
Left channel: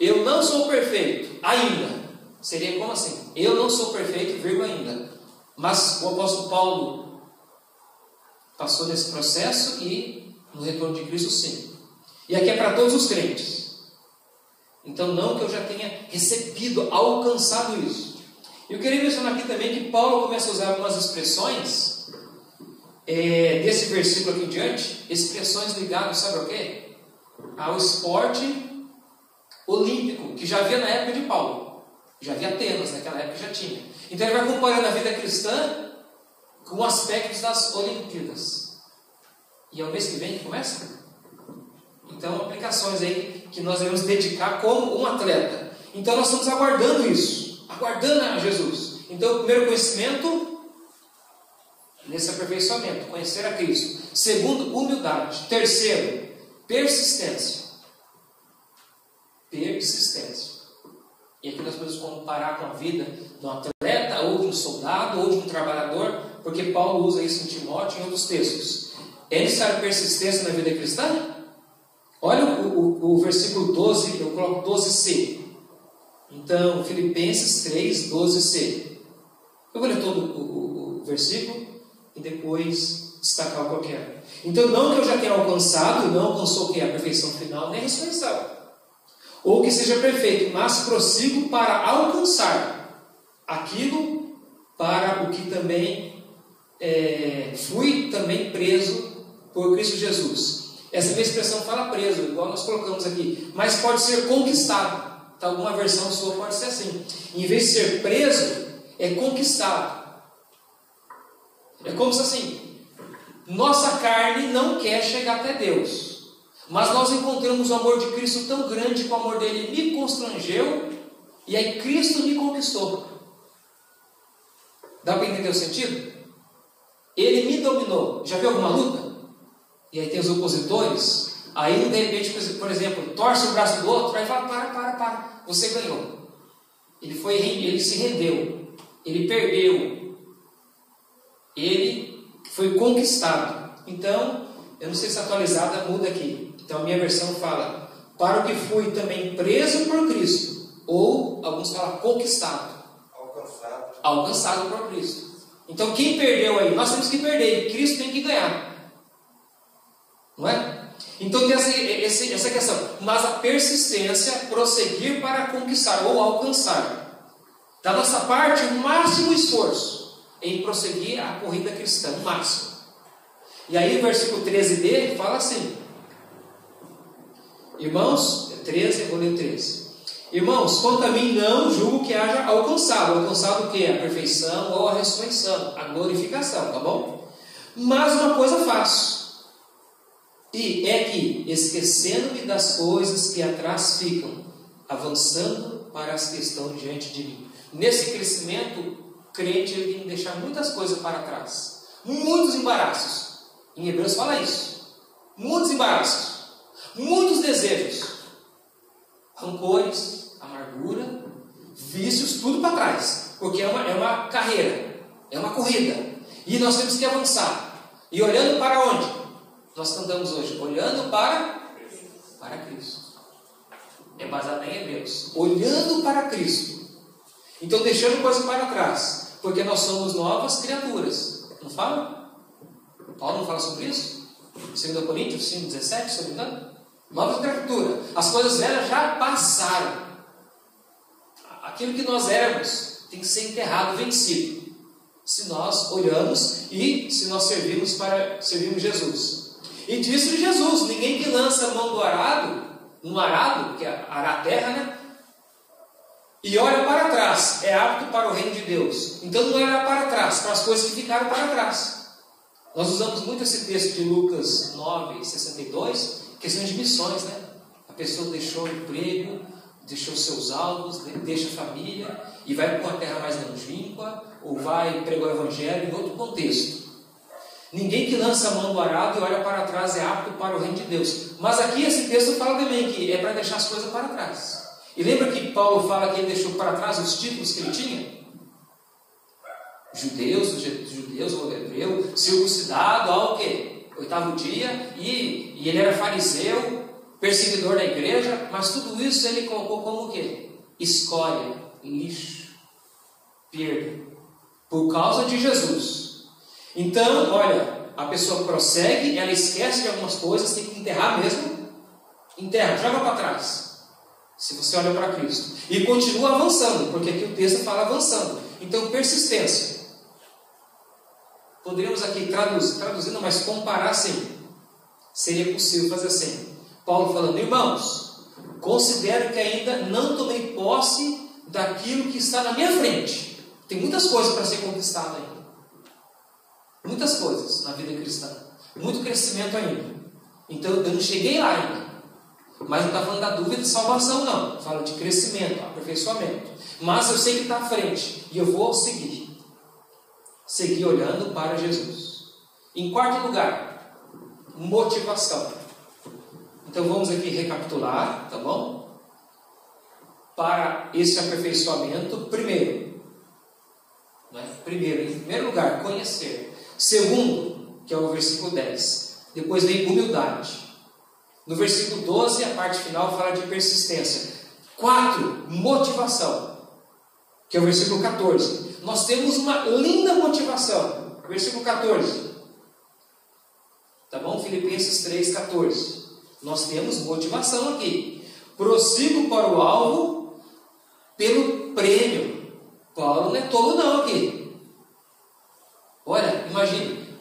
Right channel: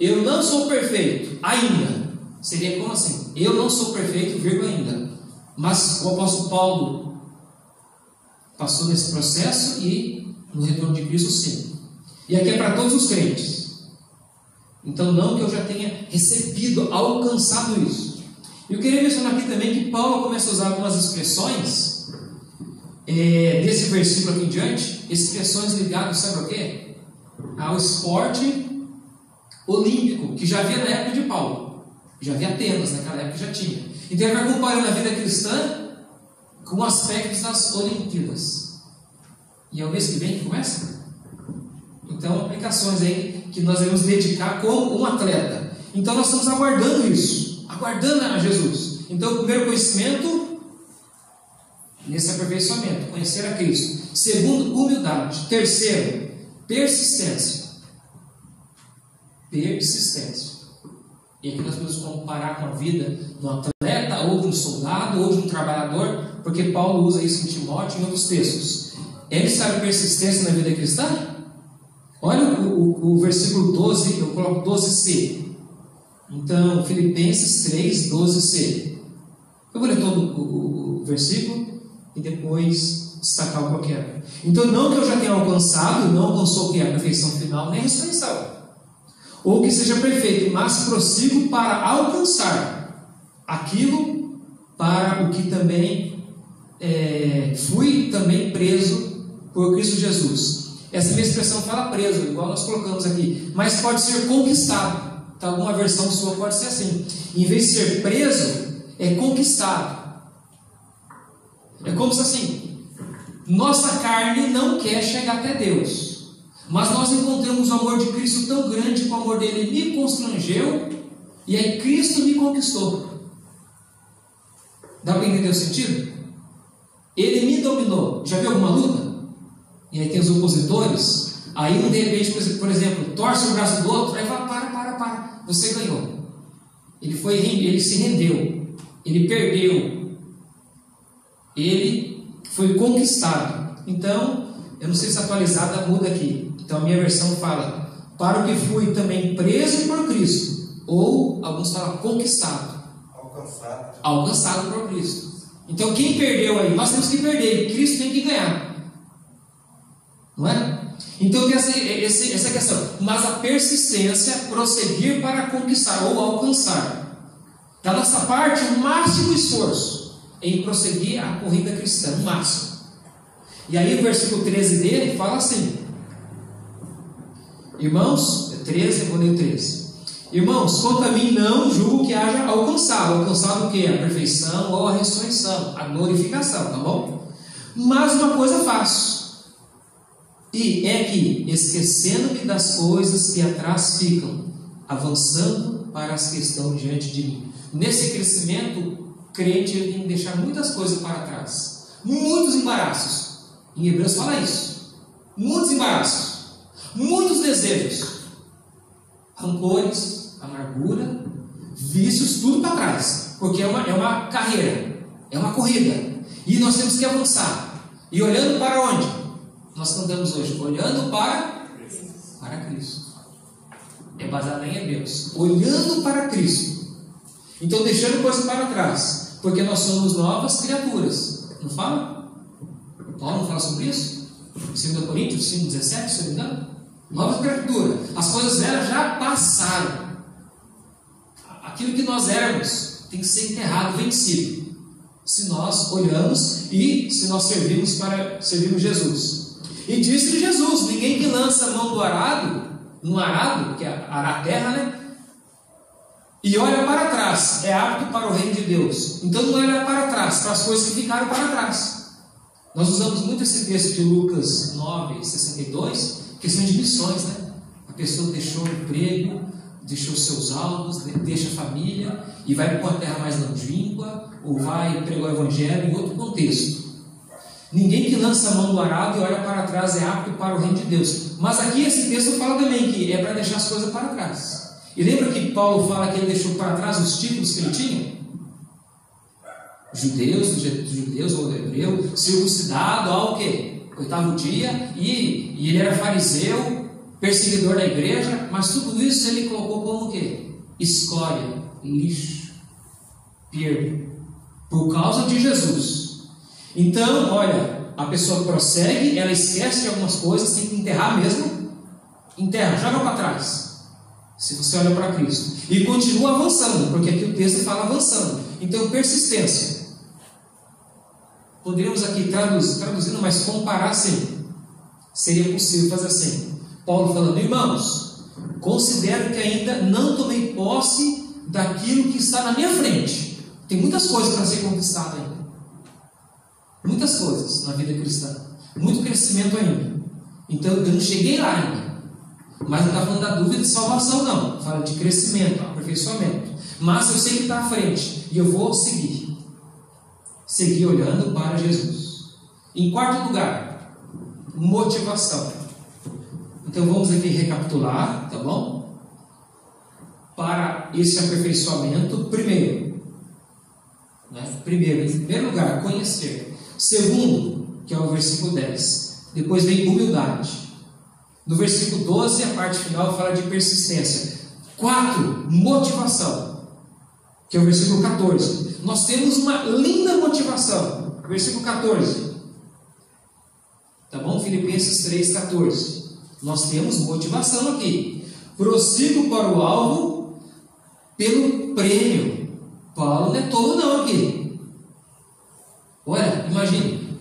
Eu não sou perfeito ainda. Seria como assim? Eu não sou perfeito, vírgula, ainda. Mas o apóstolo Paulo passou nesse processo e no retorno de Cristo, sim. E aqui é para todos os crentes. Então, não que eu já tenha recebido, alcançado isso. Eu queria mencionar aqui também que Paulo começa a usar algumas expressões desse versículo aqui em diante, expressões ligadas, sabe ao quê? Ao esporte olímpico, que já havia na época de Paulo. Já havia Atenas, naquela época já tinha. Então ele vai comparando a vida cristã com aspectos das Olimpíadas. E é o mês que vem que começa? Então, aplicações aí que nós devemos dedicar como um atleta. Então nós estamos aguardando isso, aguardando a Jesus. Então, o primeiro conhecimento, nesse aperfeiçoamento, conhecer a Cristo. Segundo, humildade. Terceiro, persistência. Persistência. E aqui nós podemos comparar com a vida de um atleta, ou de um soldado, ou de um trabalhador, porque Paulo usa isso em Timóteo e em outros textos. É necessária persistência na vida cristã? Olha o versículo 12, eu coloco 12c. Então, Filipenses 3, 12c. Eu vou ler todo o versículo e depois destacar o qualquer. Então, não que eu já tenha alcançado, não alcançou que é a perfeição final, nem a ressurreição, ou que seja perfeito, mas prossigo para alcançar aquilo para o que também fui também preso por Cristo Jesus. Essa minha expressão fala preso, igual nós colocamos aqui, mas pode ser conquistado. Então, alguma versão sua pode ser assim. Em vez de ser preso, é conquistado. É como se assim, nossa carne não quer chegar até Deus, mas nós encontramos o amor de Cristo tão grande que o amor dele me constrangeu, e aí Cristo me conquistou. Dá para entender o sentido? Ele me dominou. Já viu alguma luta? E aí tem os opositores, aí um de repente, por exemplo, torce o braço do outro, aí fala, para, você ganhou. Ele se rendeu, ele perdeu, ele foi conquistado. Então, eu não sei se atualizada muda aqui. Então a minha versão fala, para o que fui também preso por Cristo, ou alguns falam conquistado, alcançado por Cristo. Então quem perdeu aí? Nós temos que perder, e Cristo tem que ganhar. Não é? Então tem essa questão. Mas a persistência, prosseguir para conquistar ou alcançar. Da nossa parte, o máximo esforço em prosseguir a corrida cristã, o máximo. E aí o versículo 13 dele fala assim, irmãos, 13, vou ler o 13. Irmãos, quanto a mim não julgo que haja alcançado o que? A perfeição ou a ressurreição, a glorificação, tá bom? Mas uma coisa faço, e é que, esquecendo-me das coisas que atrás ficam, avançando para as que estão diante de mim. Nesse crescimento, o crente ele tem que deixar muitas coisas para trás, muitos embaraços. Em Hebreus fala isso. Muitos embaraços, muitos desejos, rancores, amargura, vícios, tudo para trás. Porque é uma carreira, é uma corrida. E nós temos que avançar. E olhando para onde? Nós cantamos hoje, olhando para Cristo. É baseado em Hebreus. Olhando para Cristo. Então deixando coisa para trás. Porque nós somos novas criaturas. Não fala? Paulo não fala sobre isso? 2 Coríntios 5,17, se não me engano. Nova criatura. As coisas velhas já passaram. aquilo que nós éramos tem que ser enterrado, vencido, se nós olhamos e se nós servimos Jesus. E disse Jesus: ninguém que lança a mão do arado, no arado, que é arar a terra, né? E olha para trás, é apto para o reino de Deus. Então não é olhar para trás, para as coisas que ficaram para trás. Nós usamos muito esse texto de Lucas 9:62, questão de missões, né? A pessoa deixou o emprego, deixou seus alvos, deixa a família e vai para uma terra mais longínqua, ou vai pregar o evangelho em outro contexto. Ninguém que lança a mão do arado e olha para trás é apto para o reino de Deus. Mas aqui esse texto fala também que é para deixar as coisas para trás. E lembra que Paulo fala que ele deixou para trás os títulos que ele tinha? Judeus ou hebreu, circuncidado ao quê? 8º dia, e ele era fariseu, perseguidor da igreja, mas tudo isso ele colocou como o quê? Escória, lixo, perda, por causa de Jesus. Então, olha, a pessoa prossegue, ela esquece de algumas coisas, tem que enterrar mesmo, enterra, joga para trás, se você olha para Cristo, e continua avançando, porque aqui o texto fala avançando. Então, persistência. Poderíamos aqui traduzindo, mas comparar assim, seria possível fazer assim. Paulo falando: irmãos, considero que ainda não tomei posse daquilo que está na minha frente. Tem muitas coisas para ser conquistado ainda. Muitas coisas na vida cristã. Muito crescimento ainda. Então eu não cheguei lá ainda. Mas não está falando da dúvida de salvação, não. Fala de crescimento, aperfeiçoamento. Mas eu sei que está à frente. E eu vou seguir. Seguir olhando para Jesus. Em quarto lugar, motivação. Então vamos aqui recapitular, tá bom? Para esse aperfeiçoamento, primeiro, em primeiro lugar, conhecer. Segundo, que é o versículo 10. Depois vem humildade. No versículo 12, a parte final fala de persistência. 4, motivação, que é o versículo 14. Nós temos uma linda motivação. Versículo 14. Tá bom? Filipenses 3:14. Nós temos motivação aqui. Prossigo para o alvo pelo prêmio. Paulo não é tolo não aqui. Olha, imagine.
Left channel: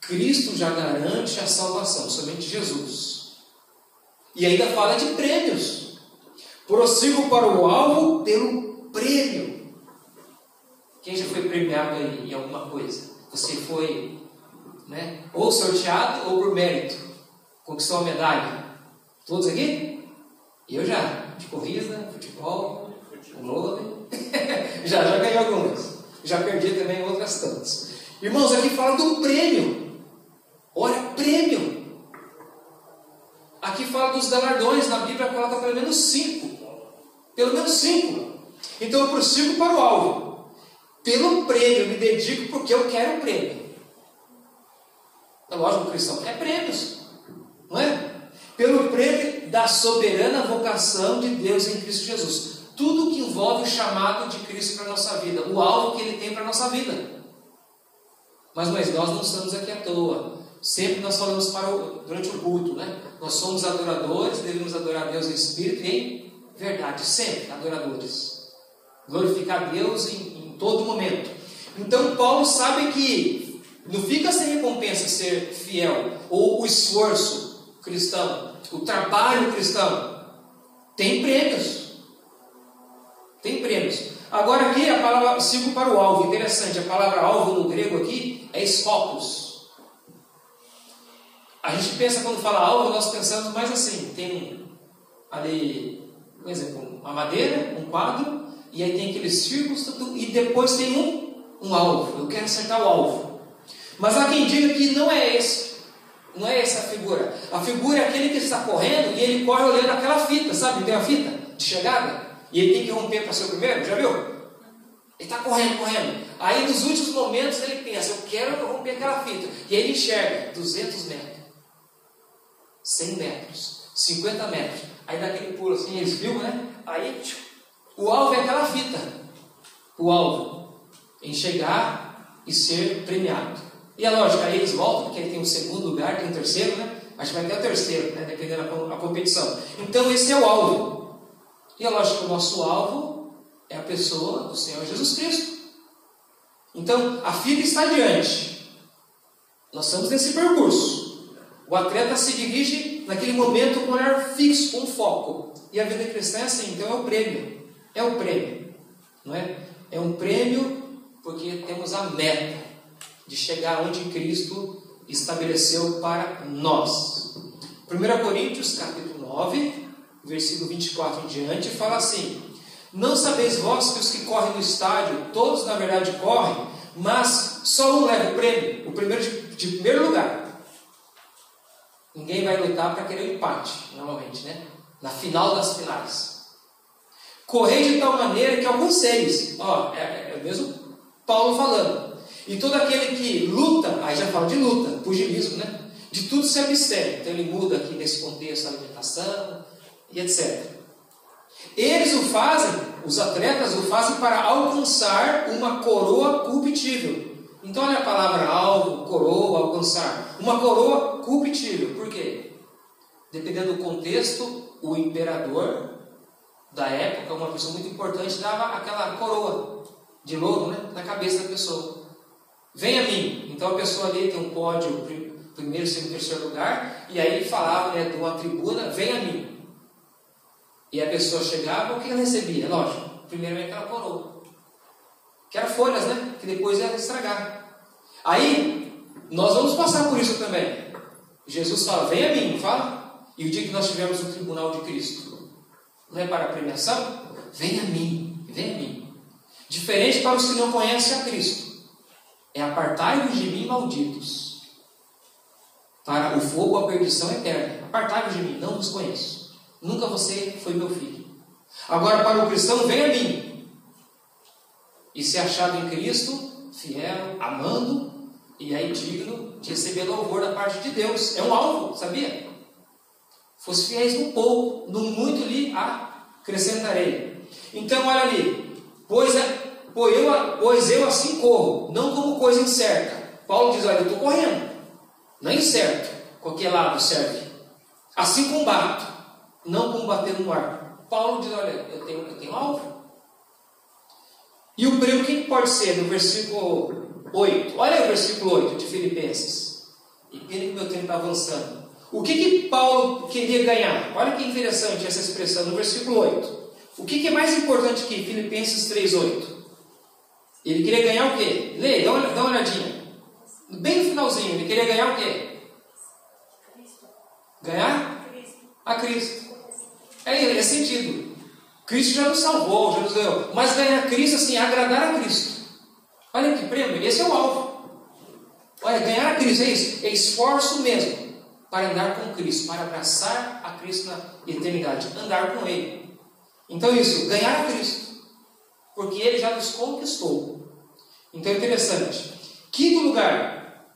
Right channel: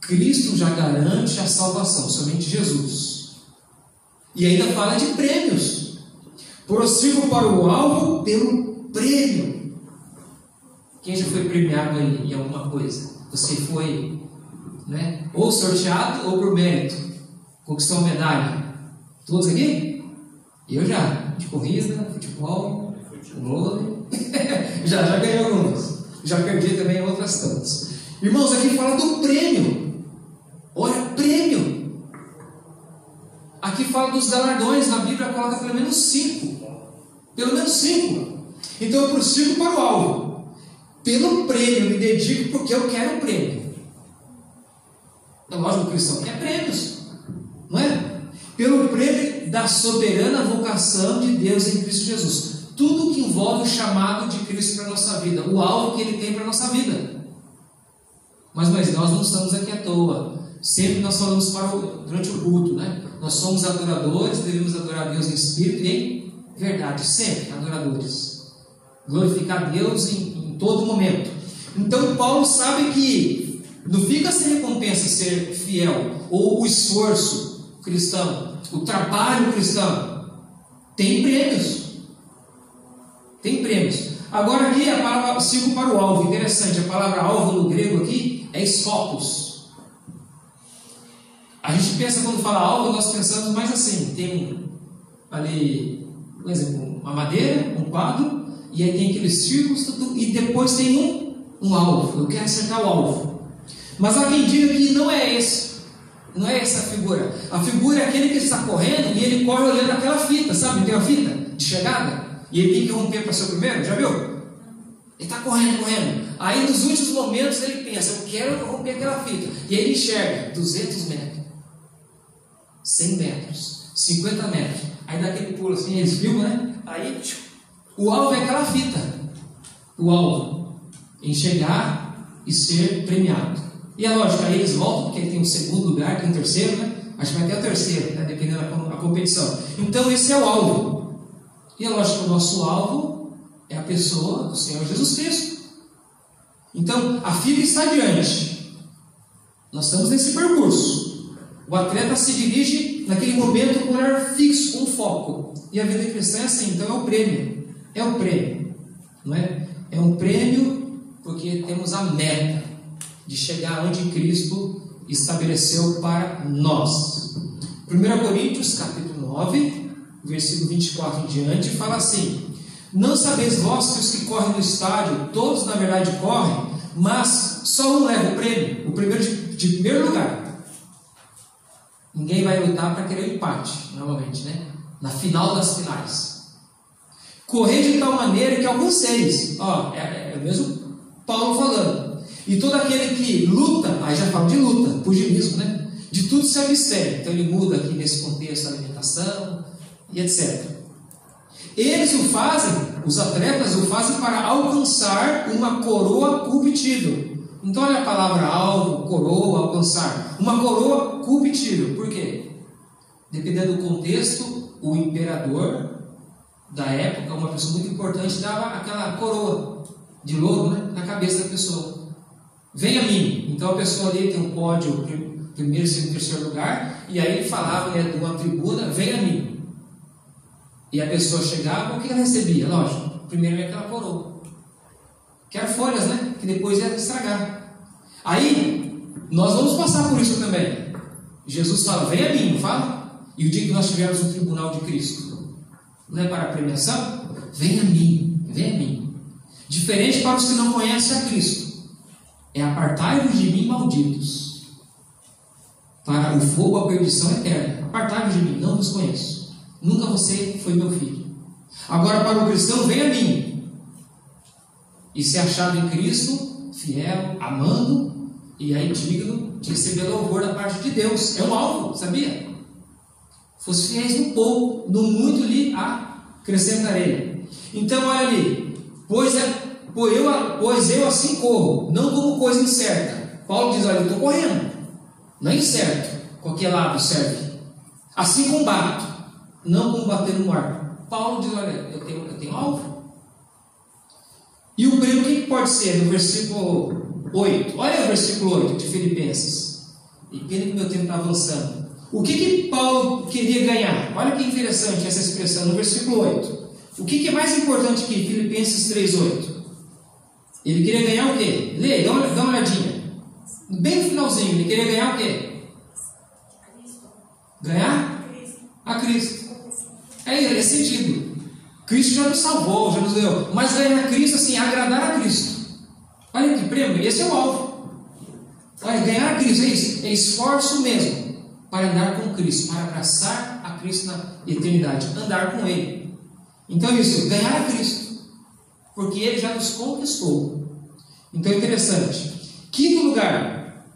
Cristo já garante a salvação, somente Jesus. E ainda fala de prêmios. Prossigo para o alvo pelo prêmio. Quem já foi premiado aí em alguma coisa? Você foi, ou sorteado ou por mérito? Conquistou uma medalha? Todos aqui? Eu já. De corrida, futebol, vôlei. já ganhei algumas. Já perdi também outras tantas. Irmãos, aqui fala do prêmio. Olha, prêmio. Aqui fala dos galardões. Na Bíblia coloca pelo menos 5. Pelo menos 5. Então eu prossigo para o alvo. Pelo prêmio, eu me dedico porque eu quero prêmio. É lógico, o cristão quer prêmios, não é? Pelo prêmio da soberana vocação de Deus em Cristo Jesus. Tudo que envolve o chamado de Cristo para a nossa vida, o alvo que Ele tem para a nossa vida. Mas nós não estamos aqui à toa. Sempre nós falamos durante o culto, Nós somos adoradores, devemos adorar a Deus em espírito e em verdade, sempre adoradores. Glorificar a Deus em todo momento. Então Paulo sabe que não fica sem recompensa ser fiel, ou o esforço cristão, o trabalho cristão. Tem prêmios. Tem prêmios. Agora aqui a palavra, sigo para o alvo. Interessante, a palavra alvo no grego aqui é scopus. A gente pensa, quando fala alvo, nós pensamos mais assim. Tem ali, por exemplo, uma madeira, um quadro, e aí tem aqueles círculos, e depois tem um alvo. Eu quero acertar o alvo. Mas há quem diga que não é esse. Não é essa a figura. A figura é aquele que está correndo e ele corre olhando aquela fita, sabe? Tem uma fita de chegada e ele tem que romper para ser o primeiro, já viu? Ele está correndo. Aí nos últimos momentos ele pensa: eu quero romper aquela fita. E aí ele enxerga 200 metros, 100 metros, 50 metros. Aí dá aquele pulo assim, eles filmam, Aí o alvo é aquela fita. O alvo em chegar e ser premiado. E é lógico, aí eles voltam, porque aí tem um segundo lugar, tem um terceiro, Acho que vai ter o terceiro, dependendo da competição. Então esse é o alvo. E é lógico que o nosso alvo é a pessoa do Senhor Jesus Cristo. Então, a fila está adiante. Nós estamos nesse percurso. O atleta se dirige naquele momento com um olhar fixo, com foco. E a vida cristã é assim, então é o prêmio. É o prêmio. Não é? É um prêmio porque temos a meta de chegar onde Cristo estabeleceu para nós. 1 Coríntios, capítulo 9, versículo 24 em diante, fala assim: não sabeis vós que os que correm no estádio, todos na verdade correm, mas só um leva o prêmio, o primeiro de primeiro lugar. Ninguém vai lutar para querer o empate, normalmente, né? Na final das finais. Correi de tal maneira que alcanceis. É o mesmo Paulo falando. E todo aquele que luta, aí já fala de luta, pugilismo, né? De tudo se abstém. Então ele muda aqui nesse contexto, alimentação e etc. Eles o fazem, os atletas o fazem para alcançar uma coroa corruptível. Então olha a palavra alvo, coroa, alcançar. Uma coroa corruptível. Por quê? Dependendo do contexto, o imperador da época, uma pessoa muito importante, dava aquela coroa de louro, né, na cabeça da pessoa. Vem a mim. Então a pessoa ali tem um pódio, primeiro, segundo, terceiro lugar, e aí ele falava, né, de uma tribuna, vem a mim. E a pessoa chegava, o que ela recebia? Lógico, primeiro é aquela coroa, que eram folhas, né, que depois ia estragar. Aí, nós vamos passar por isso também. Jesus fala, vem a mim, não fala? E o dia que nós tivermos o tribunal de Cristo, não é para a premiação? Vem a mim, vem a mim. Diferente para os que não conhecem a Cristo. É apartai-vos de mim, malditos, para o fogo, a perdição eterna. Apartai-vos de mim, não vos conheço. Nunca você foi meu filho. Agora para o cristão, vem a mim. E ser achado em Cristo, fiel, amando, e aí digno de receber louvor da parte de Deus. É um alvo, sabia? Fosse fiéis no pouco, no muito lhe acrescentarei. Então olha ali, pois eu assim corro, não como coisa incerta. Paulo diz, olha, eu estou correndo, não é incerto, qualquer lado serve. Assim combato, não combatendo no ar. Paulo diz, olha, eu tenho alvo. E o prêmio, o que pode ser? No versículo 8, olha o versículo 8 de Filipenses. E pena que meu tempo está avançando. O que Paulo queria ganhar? Olha que interessante essa expressão no versículo 8. O que é mais importante aqui? Filipenses 3:8. Ele queria ganhar o quê? Leia, dá uma olhadinha. Bem no finalzinho, ele queria ganhar o quê? Ganhar? A Cristo. É sentido. Cristo já nos salvou, já nos deu. Mas ganhar Cristo, assim, agradar a Cristo. Olha que prêmio, esse é o alvo. Olha, ganhar a Cristo é isso. É esforço mesmo para andar com Cristo, para abraçar a Cristo na eternidade, andar com Ele. Então isso, ganhar a Cristo, porque Ele já nos conquistou. Então é interessante. Quinto lugar,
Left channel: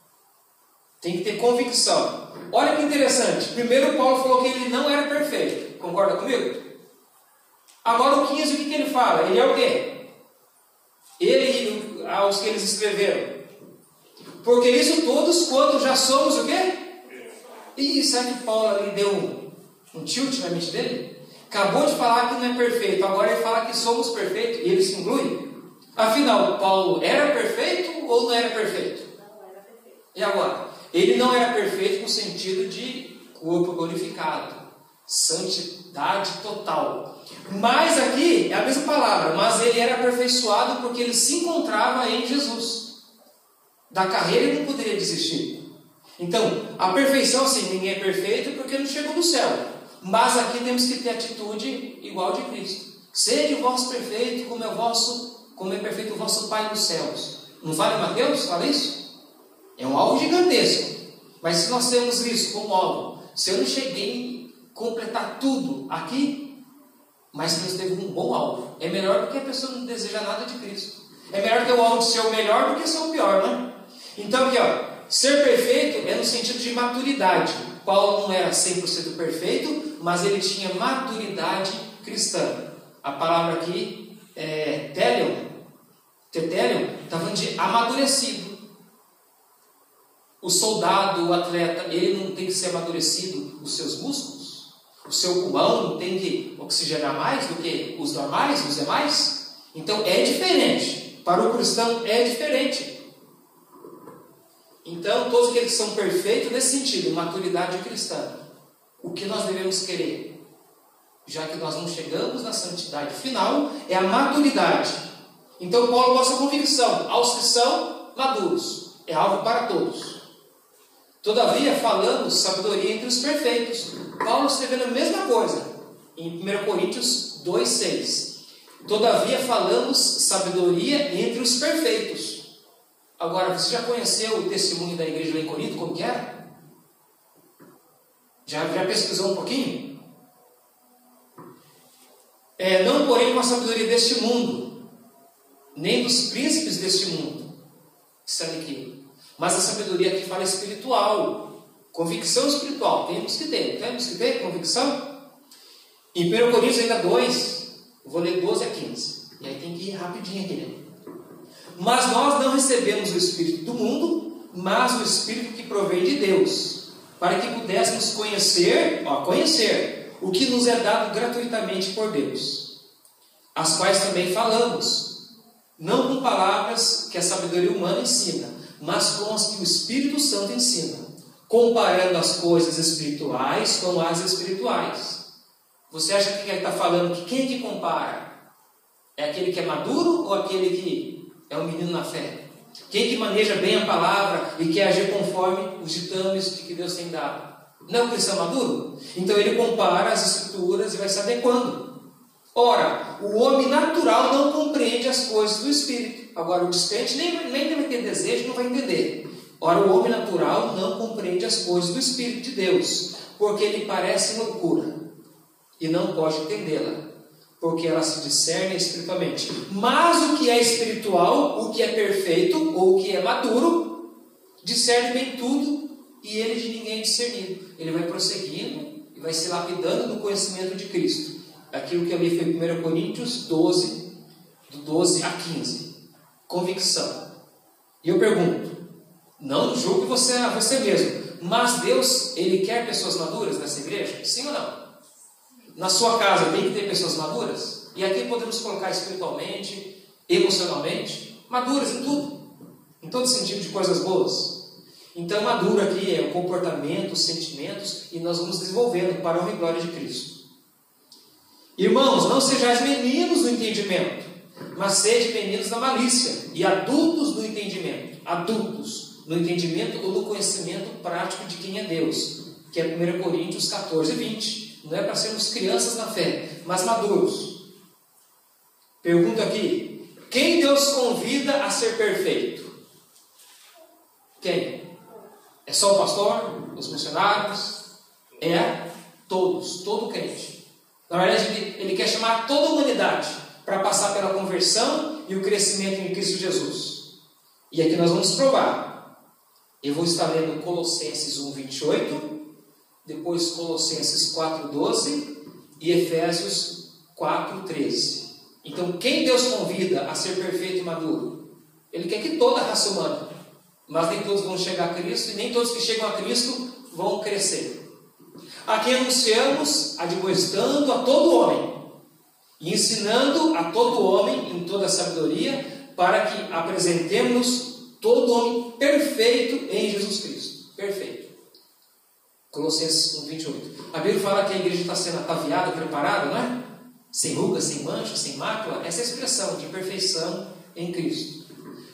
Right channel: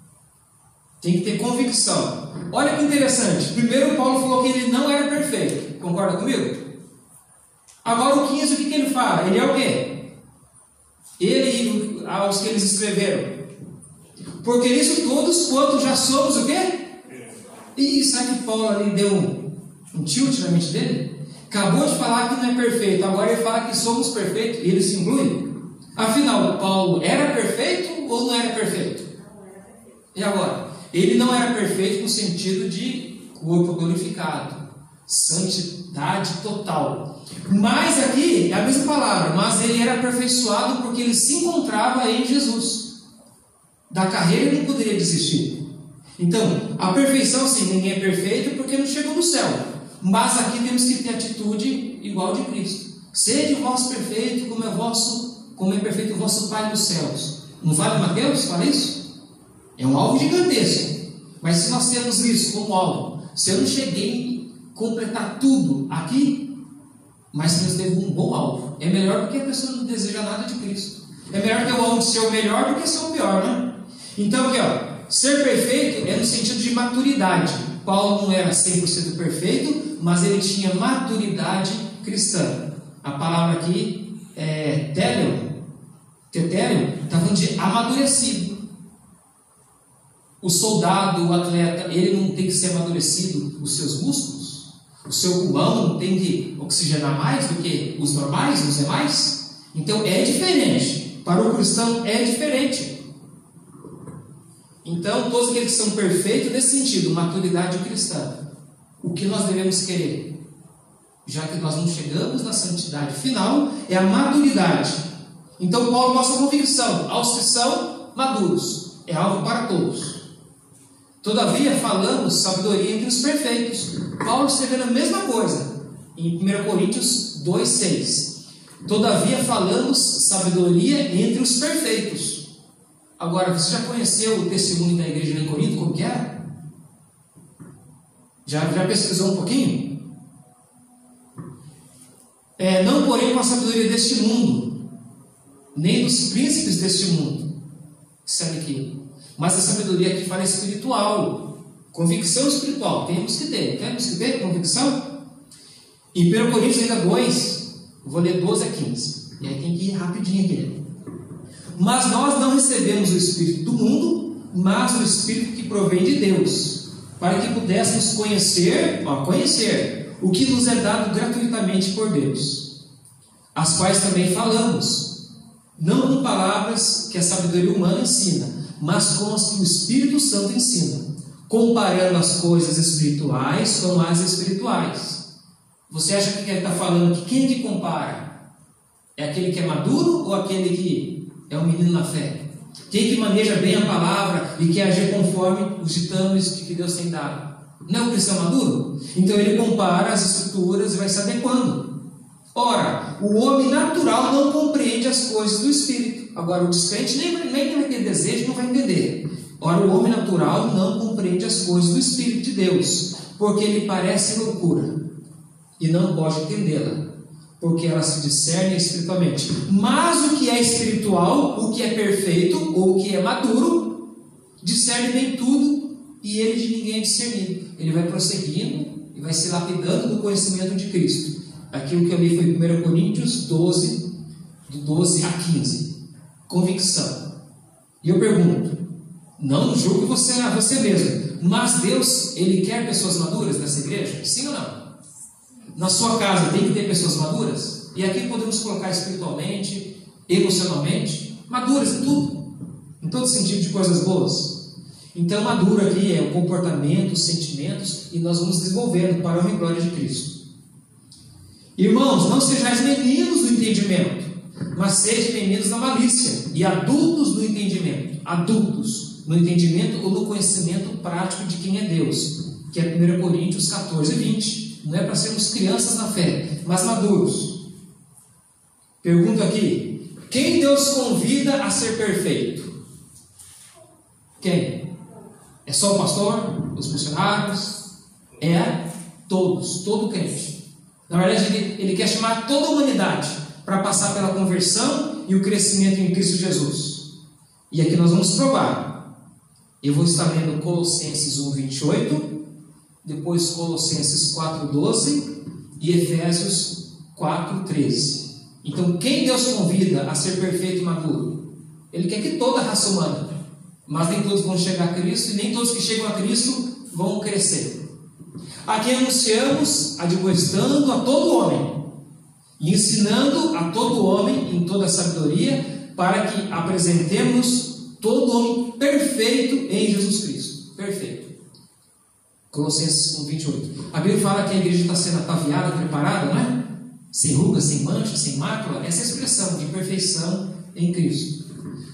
tem que ter convicção. Olha que interessante. Primeiro Paulo falou que ele não era perfeito. Concorda comigo? Agora o 15, o que ele fala? Ele é o quê? Ele, aos que eles escreveram. Porque nisso todos, quantos já somos o quê? E sabe que Paulo ali deu um tilt na mente dele? Acabou de falar que não é perfeito, agora ele fala que somos perfeitos, e ele se inclui. Afinal, Paulo era perfeito ou não era perfeito? Não era perfeito. E agora? Ele não era perfeito no sentido de corpo glorificado, santidade total. Mas aqui é a mesma palavra, mas ele era aperfeiçoado porque ele se encontrava em Jesus. Da carreira ele não poderia desistir. Então, a perfeição, sim, ninguém é perfeito porque não chegou no céu. Mas aqui temos que ter atitude igual de Cristo. Sede vós perfeito, como é perfeito o vosso Pai dos céus. Não fala em Mateus? Fala isso? É um alvo gigantesco. Mas se nós temos isso como alvo, se eu não cheguei a completar tudo aqui, mas se nós temos um bom alvo, é melhor do que a pessoa não deseja nada de Cristo. É melhor ter o alvo de ser o melhor do que ser o pior, né? Então aqui, ser perfeito é no sentido de maturidade. Paulo não era 100% perfeito, mas ele tinha maturidade cristã. A palavra aqui é tetérion, está falando de amadurecido. O soldado, o atleta, ele não tem que ser amadurecido os seus músculos? O seu pulmão não tem que oxigenar mais do que os normais, os demais? Então é diferente. Para o cristão é diferente. Então, todos aqueles que são perfeitos nesse sentido, maturidade cristã, o que nós devemos querer? Já que nós não chegamos na santidade final, é a maturidade. Então Paulo mostra a convicção, aos que são maduros, é algo para todos. Todavia falamos sabedoria entre os perfeitos. Paulo escrevendo a mesma coisa em 1 Coríntios 2,6. Todavia falamos sabedoria entre os perfeitos. Agora, você já conheceu o testemunho da igreja lá em Corinto, como que era? Já pesquisou um pouquinho? Não porém com a sabedoria deste mundo, nem dos príncipes deste mundo, que estão aqui, mas a sabedoria que fala espiritual, convicção espiritual. Temos que ter convicção. Em 1 Coríntios ainda 2, eu vou ler 12 a 15, e aí tem que ir rapidinho aqui, né? Mas nós não recebemos o Espírito do mundo, mas o Espírito que provém de Deus, para que pudéssemos conhecer o que nos é dado gratuitamente por Deus, as quais também falamos, não com palavras que a sabedoria humana ensina, mas com as que o Espírito Santo ensina, comparando as coisas espirituais com as espirituais. Você acha que ele está falando que quem é que compara? É aquele que é maduro ou aquele que é um menino na fé? Quem que maneja bem a palavra e quer agir conforme os ditames que Deus tem dado? Não é o cristão maduro? Então ele compara as escrituras e vai saber quando. Ora, o homem natural não compreende as coisas do Espírito. Agora, o descrente nem vai ter desejo, não vai entender. Ora, o homem natural não compreende as coisas do Espírito de Deus, porque lhe parece loucura, e não pode entendê-la, porque ela se discerne espiritualmente. Mas o que é espiritual, o que é perfeito, ou o que é maduro, discerne bem tudo, e ele de ninguém é discernido. Ele vai prosseguindo e vai se lapidando no conhecimento de Cristo. Aquilo que eu li foi 1 Coríntios 12, do 12 a 15. Convicção. E eu pergunto, não julgue você a você mesmo, mas Deus, Ele quer pessoas maduras nessa igreja? Sim ou não? Na sua casa tem que ter pessoas maduras? E aqui podemos colocar espiritualmente, emocionalmente, maduras em tudo, em todo sentido de coisas boas. Então maduro aqui é o comportamento, os sentimentos, e nós vamos desenvolvendo para a honra e glória de Cristo. Irmãos, não sejais meninos no entendimento, mas sejam meninos na malícia, e adultos no entendimento. Adultos no entendimento ou no conhecimento prático de quem é Deus, que é 1 Coríntios 14, 20. Não é para sermos crianças na fé, mas maduros. Pergunto aqui: quem Deus convida a ser perfeito? Quem? É só o pastor? Os missionários? É todos, todo crente. Na verdade, ele quer chamar toda a humanidade para passar pela conversão e o crescimento em Cristo Jesus. E aqui nós vamos provar. Eu vou estar lendo Colossenses 1, 28, depois Colossenses 4, 12 e Efésios 4, 13. Então, quem Deus convida a ser perfeito e maduro? Ele quer que toda a raça humana, mas nem todos vão chegar a Cristo, e nem todos que chegam a Cristo vão crescer. Aqui anunciamos, admoestando a todo homem, e ensinando a todo homem em toda a sabedoria, para que apresentemos todo homem perfeito em Jesus Cristo. Perfeito. Colossenses 1, 28. A Bíblia fala que a igreja está sendo ataviada, preparada, não é? Sem ruga, sem mancha, sem mácula. Essa é a expressão de perfeição em Cristo.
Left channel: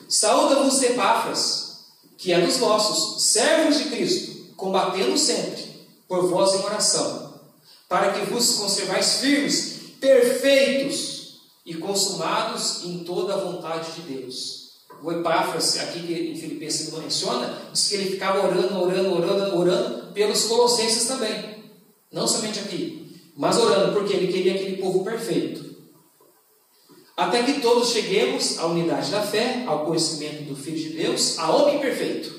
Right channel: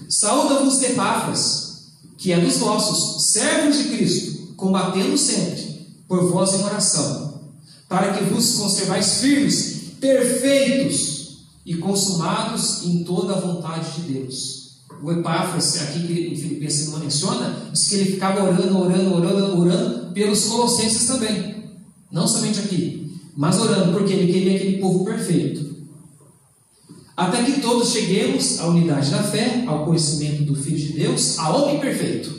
Saúda-vos Epáfras, que é dos vossos, servos de Cristo, combatendo sempre por vós em oração, para que vos conservais firmes, perfeitos e consumados em toda a vontade de Deus. O Epáfras, aqui que em Filipenses não menciona, diz que ele ficava orando pelos colossenses também. Não somente aqui, mas orando, porque ele queria aquele povo perfeito. Até que todos cheguemos à unidade da fé, ao conhecimento do Filho de Deus, a homem perfeito,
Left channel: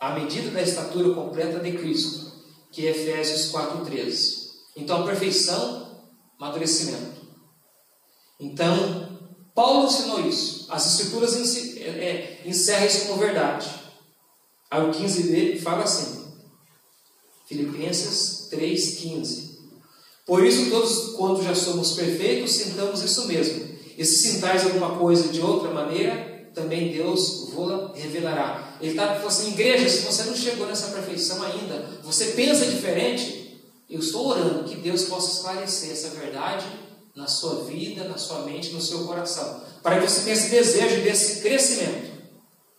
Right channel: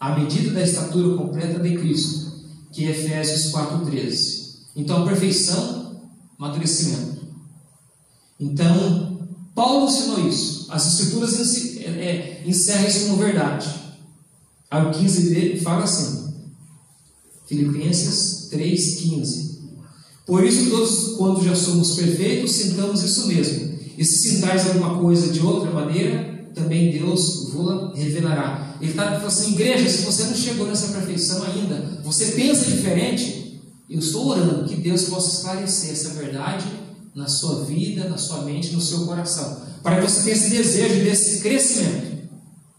à medida da estatura completa de Cristo, que é Efésios 4,13. Então, a perfeição, amadurecimento. Então, Paulo ensinou isso. As Escrituras encerram isso como verdade. Aí o 15b fala assim, Filipenses 3,15. Por isso, todos, quando já somos perfeitos, sintamos isso mesmo. E se sintais alguma coisa de outra maneira, também Deus vos revelará. Ele está falando assim, igreja, se você não chegou nessa perfeição ainda, você pensa diferente, eu estou orando que Deus possa esclarecer essa verdade na sua vida, na sua mente, no seu coração, para que você tenha esse desejo desse crescimento.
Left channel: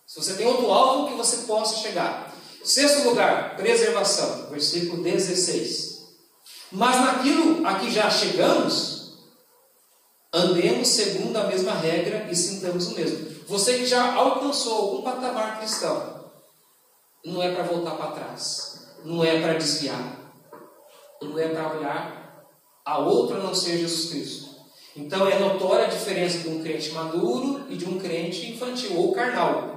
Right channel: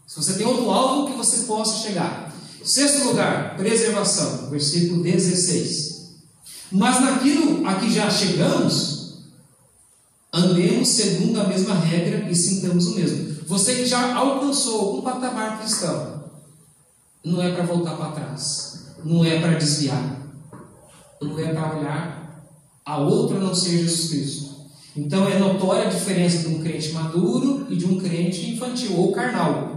Se você tem outro alvo, que você possa chegar. Sexto lugar, preservação, versículo 16. Mas naquilo a que já chegamos, andemos segundo a mesma regra e sintamos o mesmo. Você que já alcançou algum patamar cristão, não é para voltar para trás, não é para desviar, não é para olhar a outro a não ser Jesus Cristo. Então é notória a diferença de um crente maduro e de um crente infantil ou carnal.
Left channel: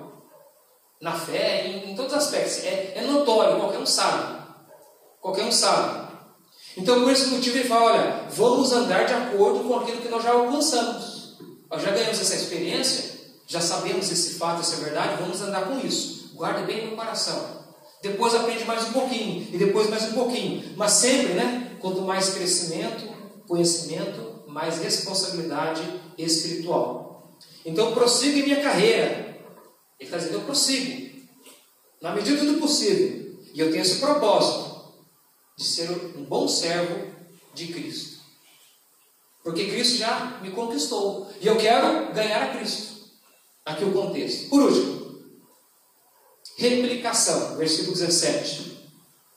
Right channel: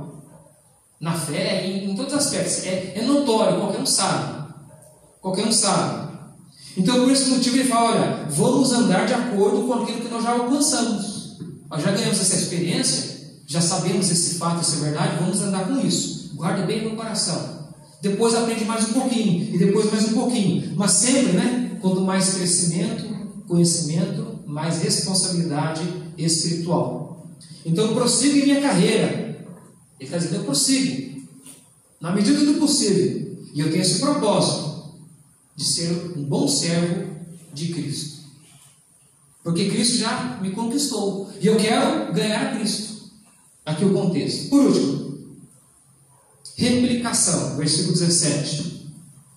Na fé, em todos os aspectos. É notório, qualquer um sabe. Qualquer um sabe. Então, por esse motivo, ele fala, olha, vamos andar de acordo com aquilo que nós já alcançamos. Nós já ganhamos essa experiência, já sabemos esse fato, essa verdade, vamos andar com isso. Guarde bem no coração. Depois aprende mais um pouquinho, e depois mais um pouquinho. Mas sempre, né? Quanto mais crescimento, conhecimento, mais responsabilidade espiritual. Então, prossiga em minha carreira. Ele está dizendo, eu prossigo, na medida do possível, e eu tenho esse propósito, de ser um bom servo de Cristo, porque Cristo já me conquistou, e eu quero ganhar a Cristo. Aqui o contexto. Por último, replicação, versículo 17,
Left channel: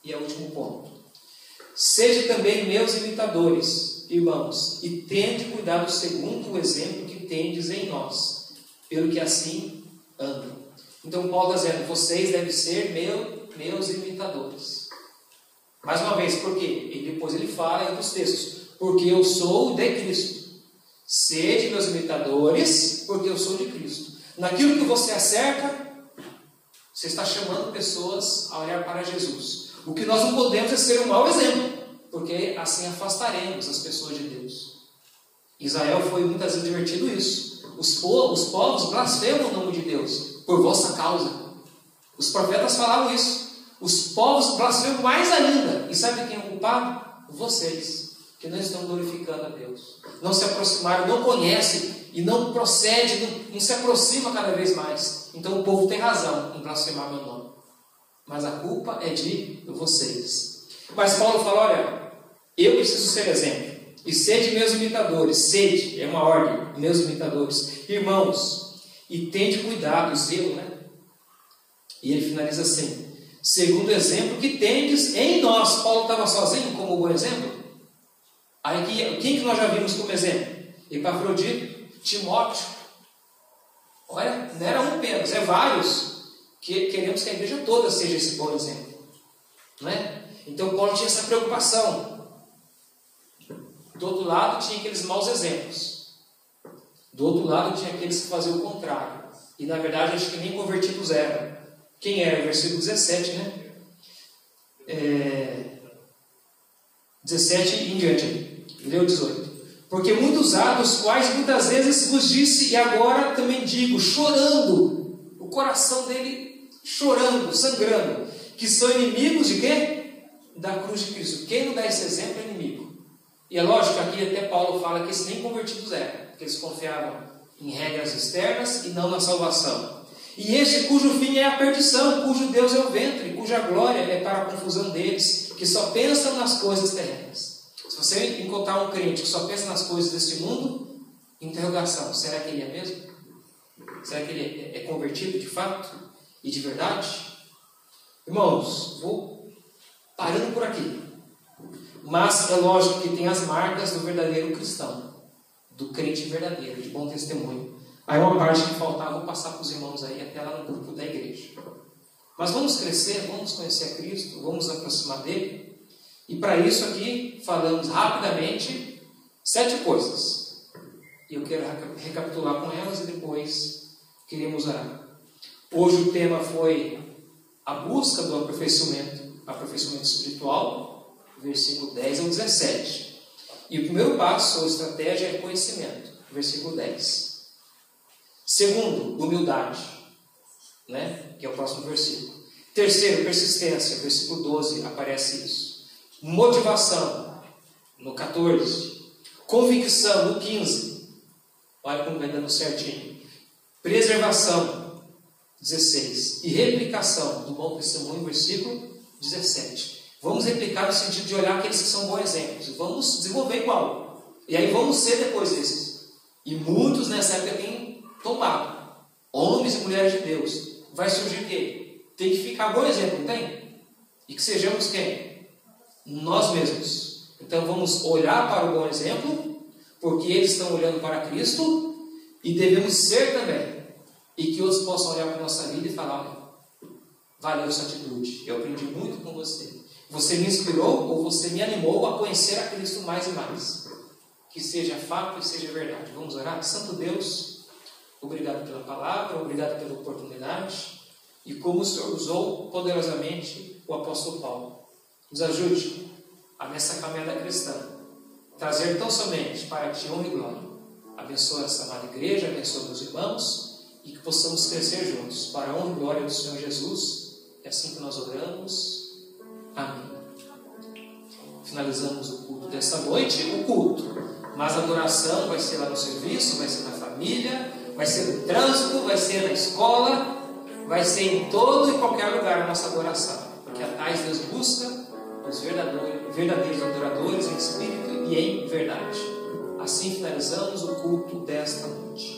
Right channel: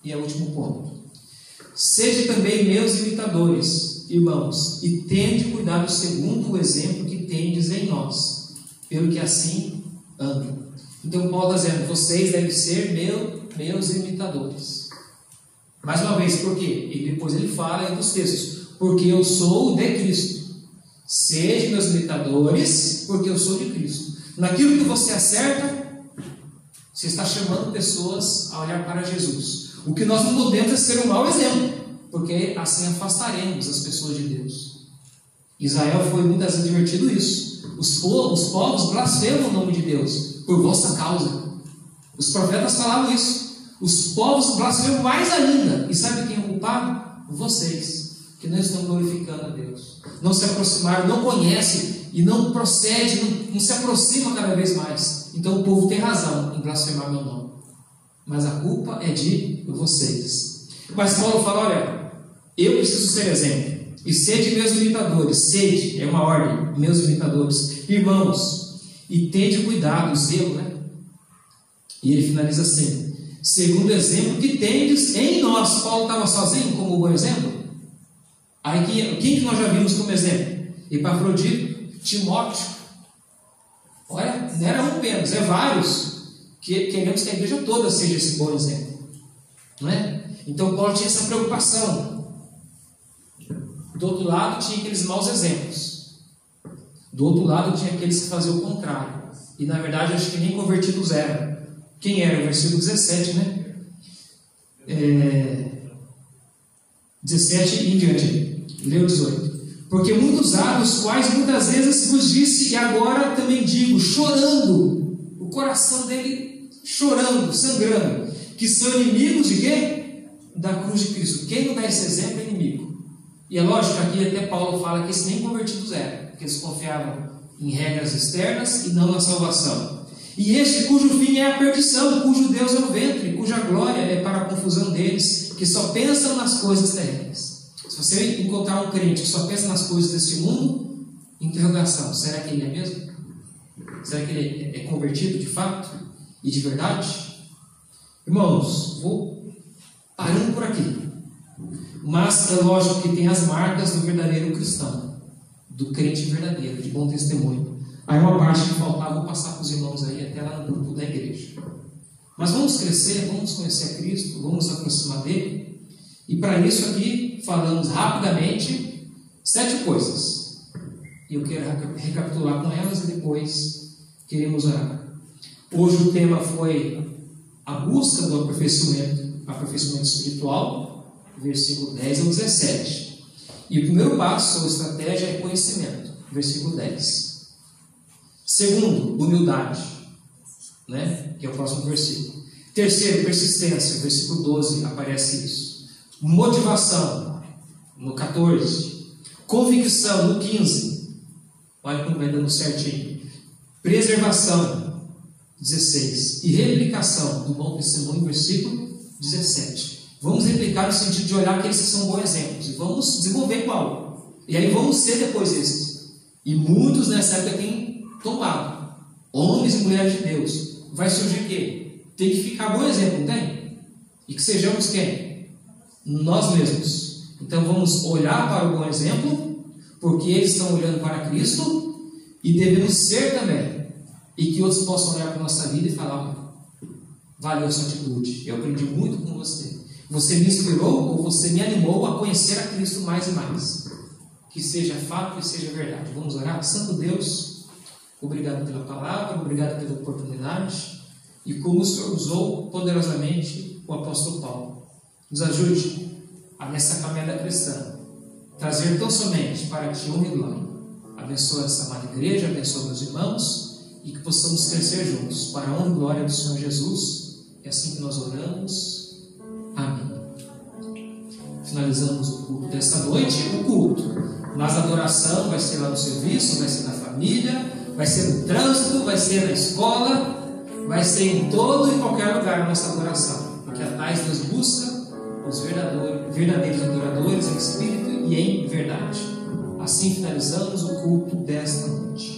e é o último ponto. Sede também meus imitadores, irmãos, e tende cuidado segundo o exemplo que tendes em nós, pelo que assim andam. Então Paulo está dizendo, vocês devem ser meus imitadores. Mais uma vez, por quê? E depois ele fala aí nos textos, porque eu sou de Cristo. Sede meus imitadores, porque eu sou de Cristo. Naquilo que você acerta, você está chamando pessoas a olhar para Jesus. O que nós não podemos é ser um mau exemplo, porque assim afastaremos as pessoas de Deus. Israel foi muitas vezes advertido isso. Os povos blasfemam o nome de Deus por vossa causa. Os profetas falavam isso. Os povos blasfemam mais ainda. E sabe quem é o culpado? Vocês, que não estão glorificando a Deus. Não se aproximaram, não conhecem e não procede, não se aproxima cada vez mais. Então o povo tem razão em blasfemar meu nome. Mas a culpa é de vocês. Mas Paulo fala, olha, eu preciso ser exemplo. E sede meus imitadores, sede, é uma ordem, meus imitadores, irmãos, e tende cuidado, zelo, né? E ele finaliza assim, segundo o exemplo que tendes em nós. Paulo estava sozinho como bom exemplo? Aí quem que nós já vimos como exemplo? Epafrodito, Timóteo. Olha, não era um apenas, é vários, que queremos que a igreja toda seja esse bom exemplo, não é? Então Paulo tinha essa preocupação. Do outro lado tinha aqueles maus exemplos. Do outro lado tinha aqueles que faziam o contrário. E na verdade acho que nem convertidos eram. Quem era? Versículo 17, né? 17 em diante. Leu 18. Porque muitos há, dos quais muitas vezes vos disse, e agora também digo, chorando, o coração dele chorando, sangrando, que são inimigos de quê? Da cruz de Cristo. Quem não dá esse exemplo é inimigo. E é lógico que aqui até Paulo fala que esses nem convertidos eram, porque eles confiavam em regras externas e não na salvação. E este cujo fim é a perdição, cujo Deus é o ventre, cuja glória é para a confusão deles, que só pensam nas coisas terrenas. Se você encontrar um crente que só pensa nas coisas deste mundo, interrogação, será que ele é mesmo? Será que ele é convertido de fato e de verdade? Irmãos, vou parando por aqui. Mas é lógico que tem as marcas do verdadeiro cristão, do crente verdadeiro, de bom testemunho. Aí uma parte que faltava, vou passar para os irmãos aí, até lá no grupo da igreja. Mas vamos crescer, vamos conhecer a Cristo, vamos nos aproximar dele. E para isso aqui, falamos rapidamente 7 coisas. E eu quero recapitular com elas e depois queremos orar. Hoje o tema foi a busca do aperfeiçoamento espiritual, versículo 10 ao 17. E o primeiro passo, ou estratégia, é conhecimento, versículo 10. Segundo, humildade, né? Que é o próximo versículo. Terceiro, persistência, versículo 12, aparece isso. Motivação, no 14. Convicção, no 15. Olha como vai dando certinho. Preservação, 16. E replicação do bom testemunho, versículo 17. Vamos replicar no sentido de olhar aqueles que são bons exemplos. E vamos desenvolver igual. E aí vamos ser depois esses. E muitos nessa época têm tombado. Homens e mulheres de Deus. Vai surgir o quê? Tem que ficar bom exemplo, não tem? E que sejamos quem? Nós mesmos. Então vamos olhar para o bom exemplo, porque eles estão olhando para Cristo, e devemos ser também. E que outros possam olhar para a nossa vida e falar: valeu essa atitude, eu aprendi muito com você. Você me inspirou ou você me animou a conhecer a Cristo mais e mais. Que seja fato e seja verdade. Vamos orar? Santo Deus, obrigado pela palavra, obrigado pela oportunidade. E como o Senhor usou poderosamente o apóstolo Paulo. Nos ajude a, nessa caminhada cristã, trazer tão somente para Ti honra e glória. Abençoa essa amada igreja, abençoa meus irmãos, e que possamos crescer juntos para a honra e glória do Senhor Jesus. É assim que nós oramos. Amém. Finalizamos o culto desta noite, o culto. Mas a adoração vai ser lá no serviço, vai ser na família, vai ser no trânsito, vai ser na escola, vai ser em todo e qualquer lugar a nossa adoração. Porque a tais Deus busca os verdadeiros adoradores em espírito e em verdade. Assim finalizamos o culto desta noite.